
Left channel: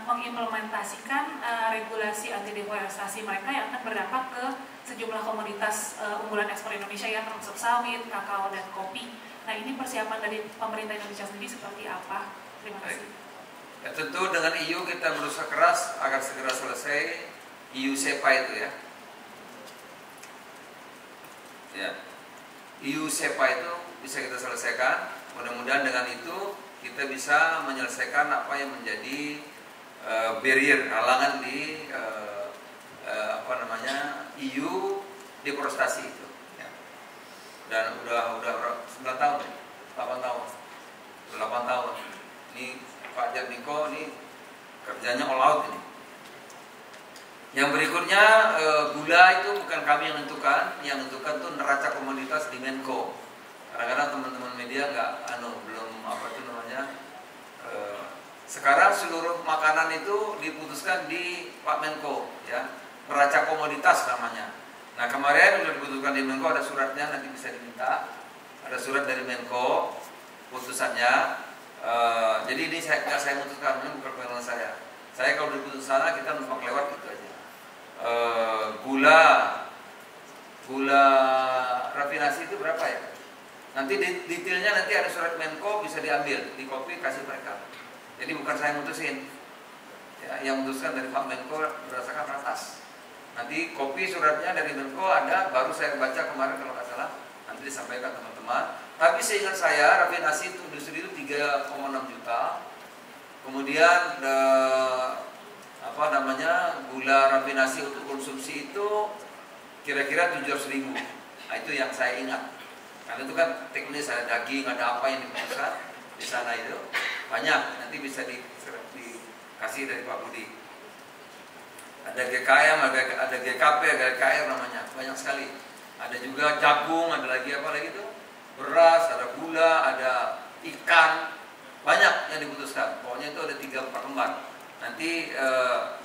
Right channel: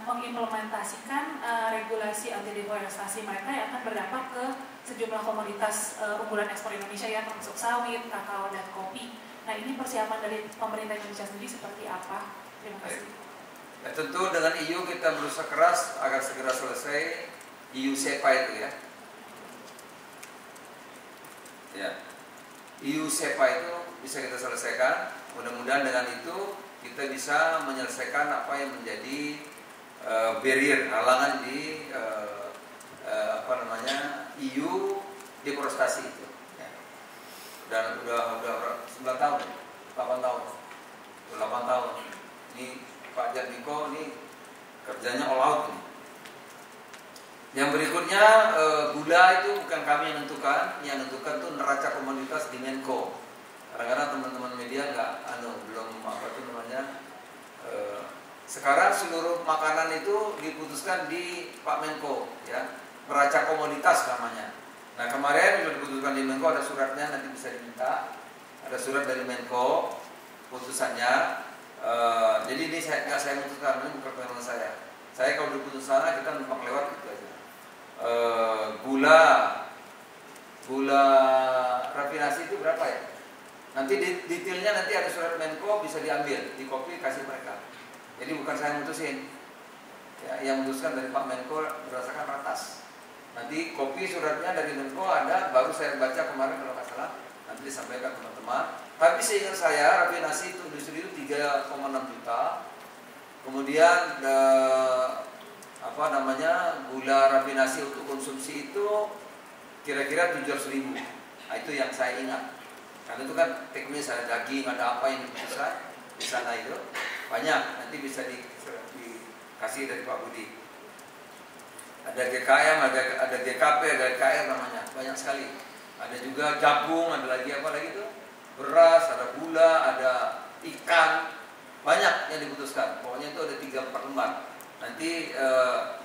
mengimplementasikan regulasi anti deforestasi mereka yang akan berdampak ke sejumlah komoditas unggulan ekspor Indonesia ya, termasuk sawit, kakao, dan kopi. Nah ini persiapan dari pemerintah Indonesia sendiri seperti apa? Terima kasih. Ya, tentu dengan EU kita berusaha keras agar segera selesai EU SEPA itu ya. Ya, EU SEPA itu bisa kita selesaikan. Mudah-mudahan dengan itu kita bisa menyelesaikan apa yang menjadi barrier, halangan di EU deforestasi itu. Ya. Dan udah 9 tahun, 8 tahun, 8 tahun. Ini Pak Jatmiko ini kerjanya all out ini. Yang berikutnya gula itu bukan kami yang menentukan tuh neraca komoditas di Menko. Kadang-kadang teman-teman media belum sekarang seluruh makanan itu diputuskan di Pak Menko ya, neraca komoditas namanya. Nah kemarin sudah diputuskan di Menko, ada suratnya nanti bisa diminta, ada surat dari Menko putusannya. Jadi ini saya putuskan, ini bukan kewenangan saya. Saya kalau diputus sana kita numpang lewat gitu aja. Gula rafinasi itu berapa ya? Nanti detailnya nanti ada surat Menko bisa diambil, di copy kasih mereka. Jadi bukan saya mutusin, ya, yang memutuskan dari Pak Menko berdasarkan ratas. Nanti copy suratnya dari Menko ada, baru saya baca kemarin kalau nggak salah, nanti disampaikan teman-teman. Tapi seingat saya rafinasi itu industri itu 3,6 juta. Kemudian gula rafinasi untuk konsumsi itu kira-kira 700.000. Nah, itu yang saya ingat. Karena itu kan teknis, ada daging, ada apa yang diputuskan di sana itu banyak. Nanti bisa dikasih dari Pak Budi. Ada GKM, ada GKP, ada GKR namanya, banyak sekali. Ada juga jagung, ada lagi apa lagi itu? Beras, ada gula, ada ikan, banyak yang diputuskan. Pokoknya itu ada 3-4 lembar. Nanti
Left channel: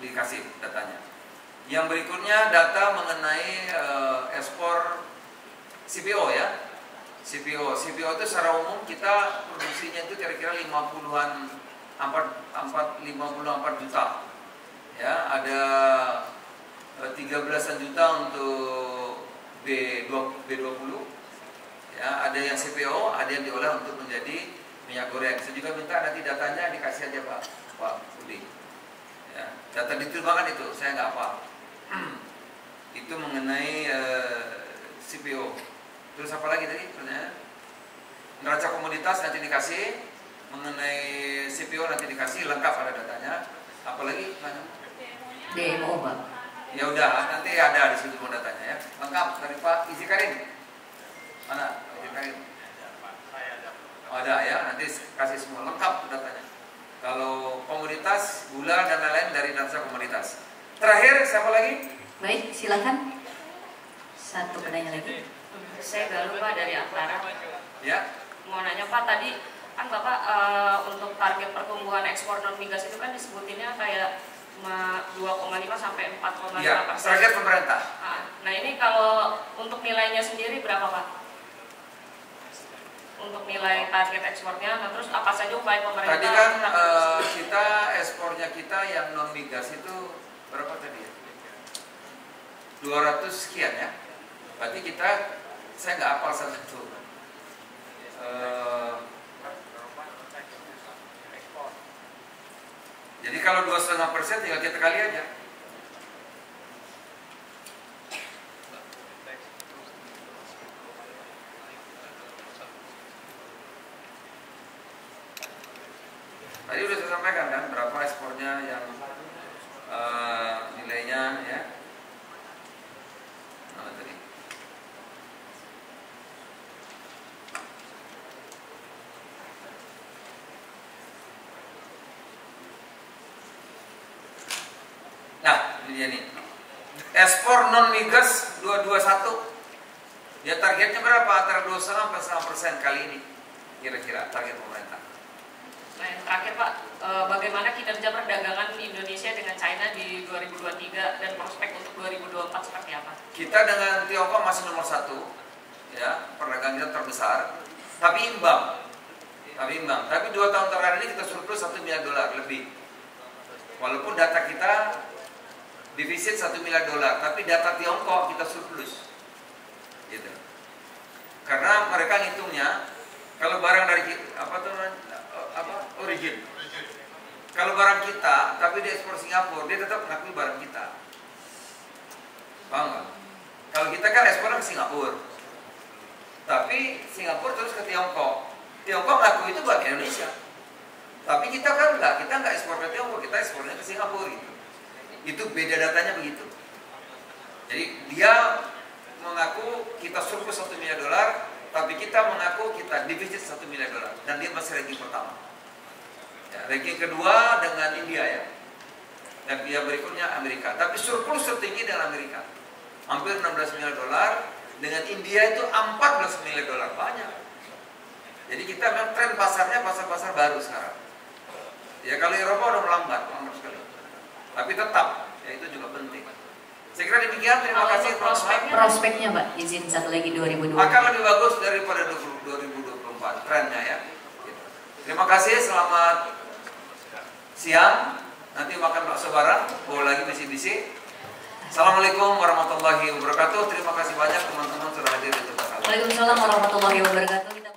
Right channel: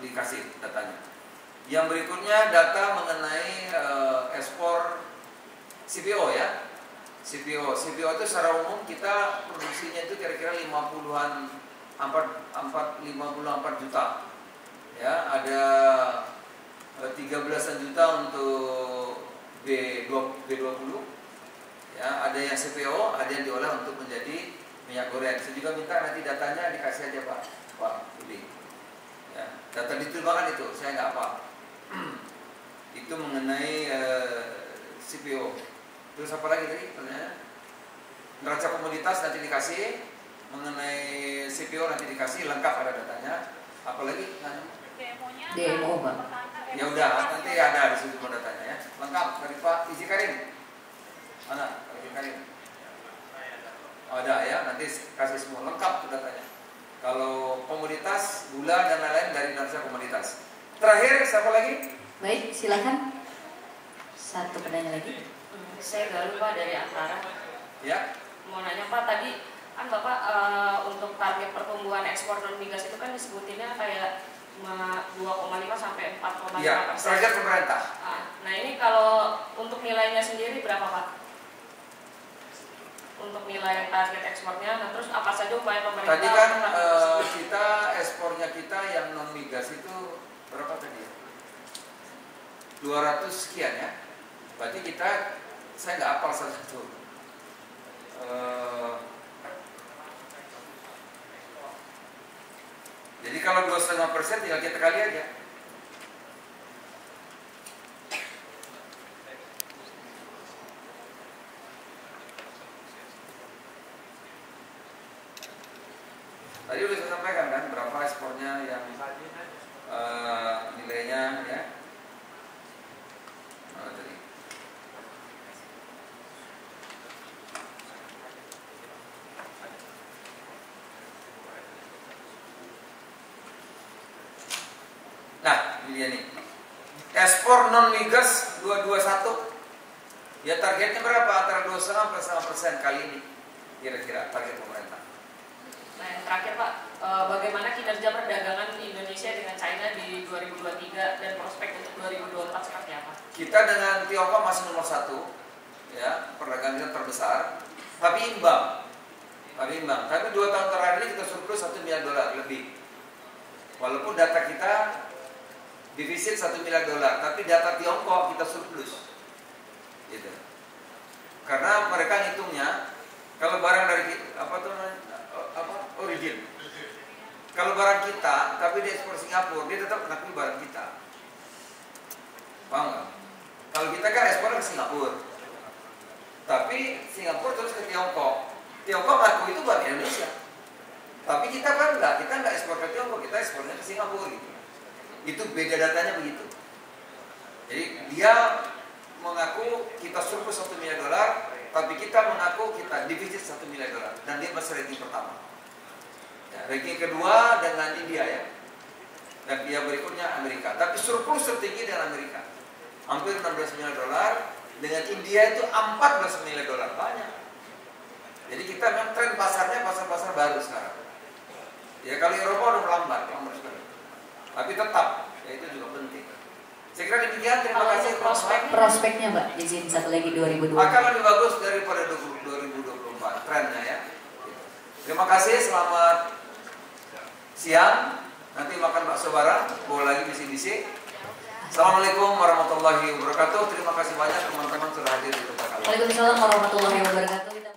dikasih datanya. Yang berikutnya data mengenai ekspor CPO ya. CPO itu secara umum kita produksinya itu kira-kira 50-an 54 juta. Ya, ada 13 juta untuk B20. Ya, ada yang CPO, ada yang diolah untuk menjadi minyak goreng. Saya juga minta nanti datanya dikasih aja Pak Budi. Ya, data diterima itu, saya nggak apa. Itu mengenai CPO. Terus apa lagi tadi? Neraca komoditas nanti dikasih, mengenai CPO nanti dikasih, lengkap ada datanya. Apalagi? DMO Pak. Ya udah, nanti ada di situ datanya ya. Lengkap dari Pak Izi Karim. Mana? Izi Karim. Oh, ada ya, nanti kasih semua lengkap datanya. Kalau komoditas, gula dan lain-lain dari neraca komoditas. Terakhir siapa lagi? Baik, silakan. Satu penanya lagi. Saya Galuh Pak dari Aktara. Ya. Mau nanya Pak, tadi kan Bapak untuk target pertumbuhan ekspor non migas itu kan disebutinnya kayak 2,5 sampai 4,5%. Iya, target pemerintah. Nah ini kalau untuk nilainya sendiri berapa Pak? Untuk nilai target ekspornya, nah terus apa saja upaya pemerintah? Tadi kan kita ekspornya kita yang non migas itu berapa tadi? 200 sekian ya. Berarti kita, saya nggak hafal satu. Jadi kalau 2,5% tinggal kita kali aja. Tadi udah saya sampaikan kan berapa ekspornya yang nilainya ya. Mana tadi? Nah, ini dia nih. Ekspor non migas 221. Ya targetnya berapa? Antara 2,5 sampai 1% kali ini. Kira-kira target pemerintah. Nah yang terakhir Pak, bagaimana kinerja perdagangan Indonesia dengan China di 2023 dan prospek untuk 2024 seperti apa? Kita dengan Tiongkok masih nomor 1, ya perdagangan kita terbesar, tapi imbang. Tapi 2 tahun terakhir ini kita surplus $1 miliar lebih. Walaupun data kita defisit $1 miliar, tapi data Tiongkok kita surplus. Gitu. Karena mereka ngitungnya kalau barang dari origin. Kalau barang kita, tapi dia ekspor Singapura, dia tetap mengakui barang kita. Paham nggak? Kalau kita kan ekspor ke Singapura, tapi Singapura terus ke Tiongkok. Tiongkok ngaku itu buat Indonesia. Tapi kita kan enggak, kita nggak ekspor ke Tiongkok, kita ekspornya ke Singapura gitu. Itu beda datanya begitu. Jadi dia mengaku kita surplus $1 miliar, tapi kita mengaku kita defisit $1 miliar, dan dia masih ranking pertama. Ya, ranking kedua dengan India ya. Dan dia berikutnya Amerika. Tapi surplus tertinggi dengan Amerika. Hampir $16 miliar, dengan India itu $14 miliar, banyak. Jadi kita memang tren pasarnya pasar-pasar baru sekarang. Ya kalau Eropa udah melambat sekali. Tapi tetap, ya itu juga penting. Saya kira demikian, terima kasih. Prospeknya Pak, izin satu lagi 2020. Akan lebih bagus daripada 2024 trennya ya. Terima kasih, selamat siang. Nanti makan bakso bareng, bawa lagi misi-misi. Assalamualaikum warahmatullahi wabarakatuh. Terima kasih banyak teman-teman sudah hadir di tempat kami. Waalaikumsalam warahmatullahi wabarakatuh.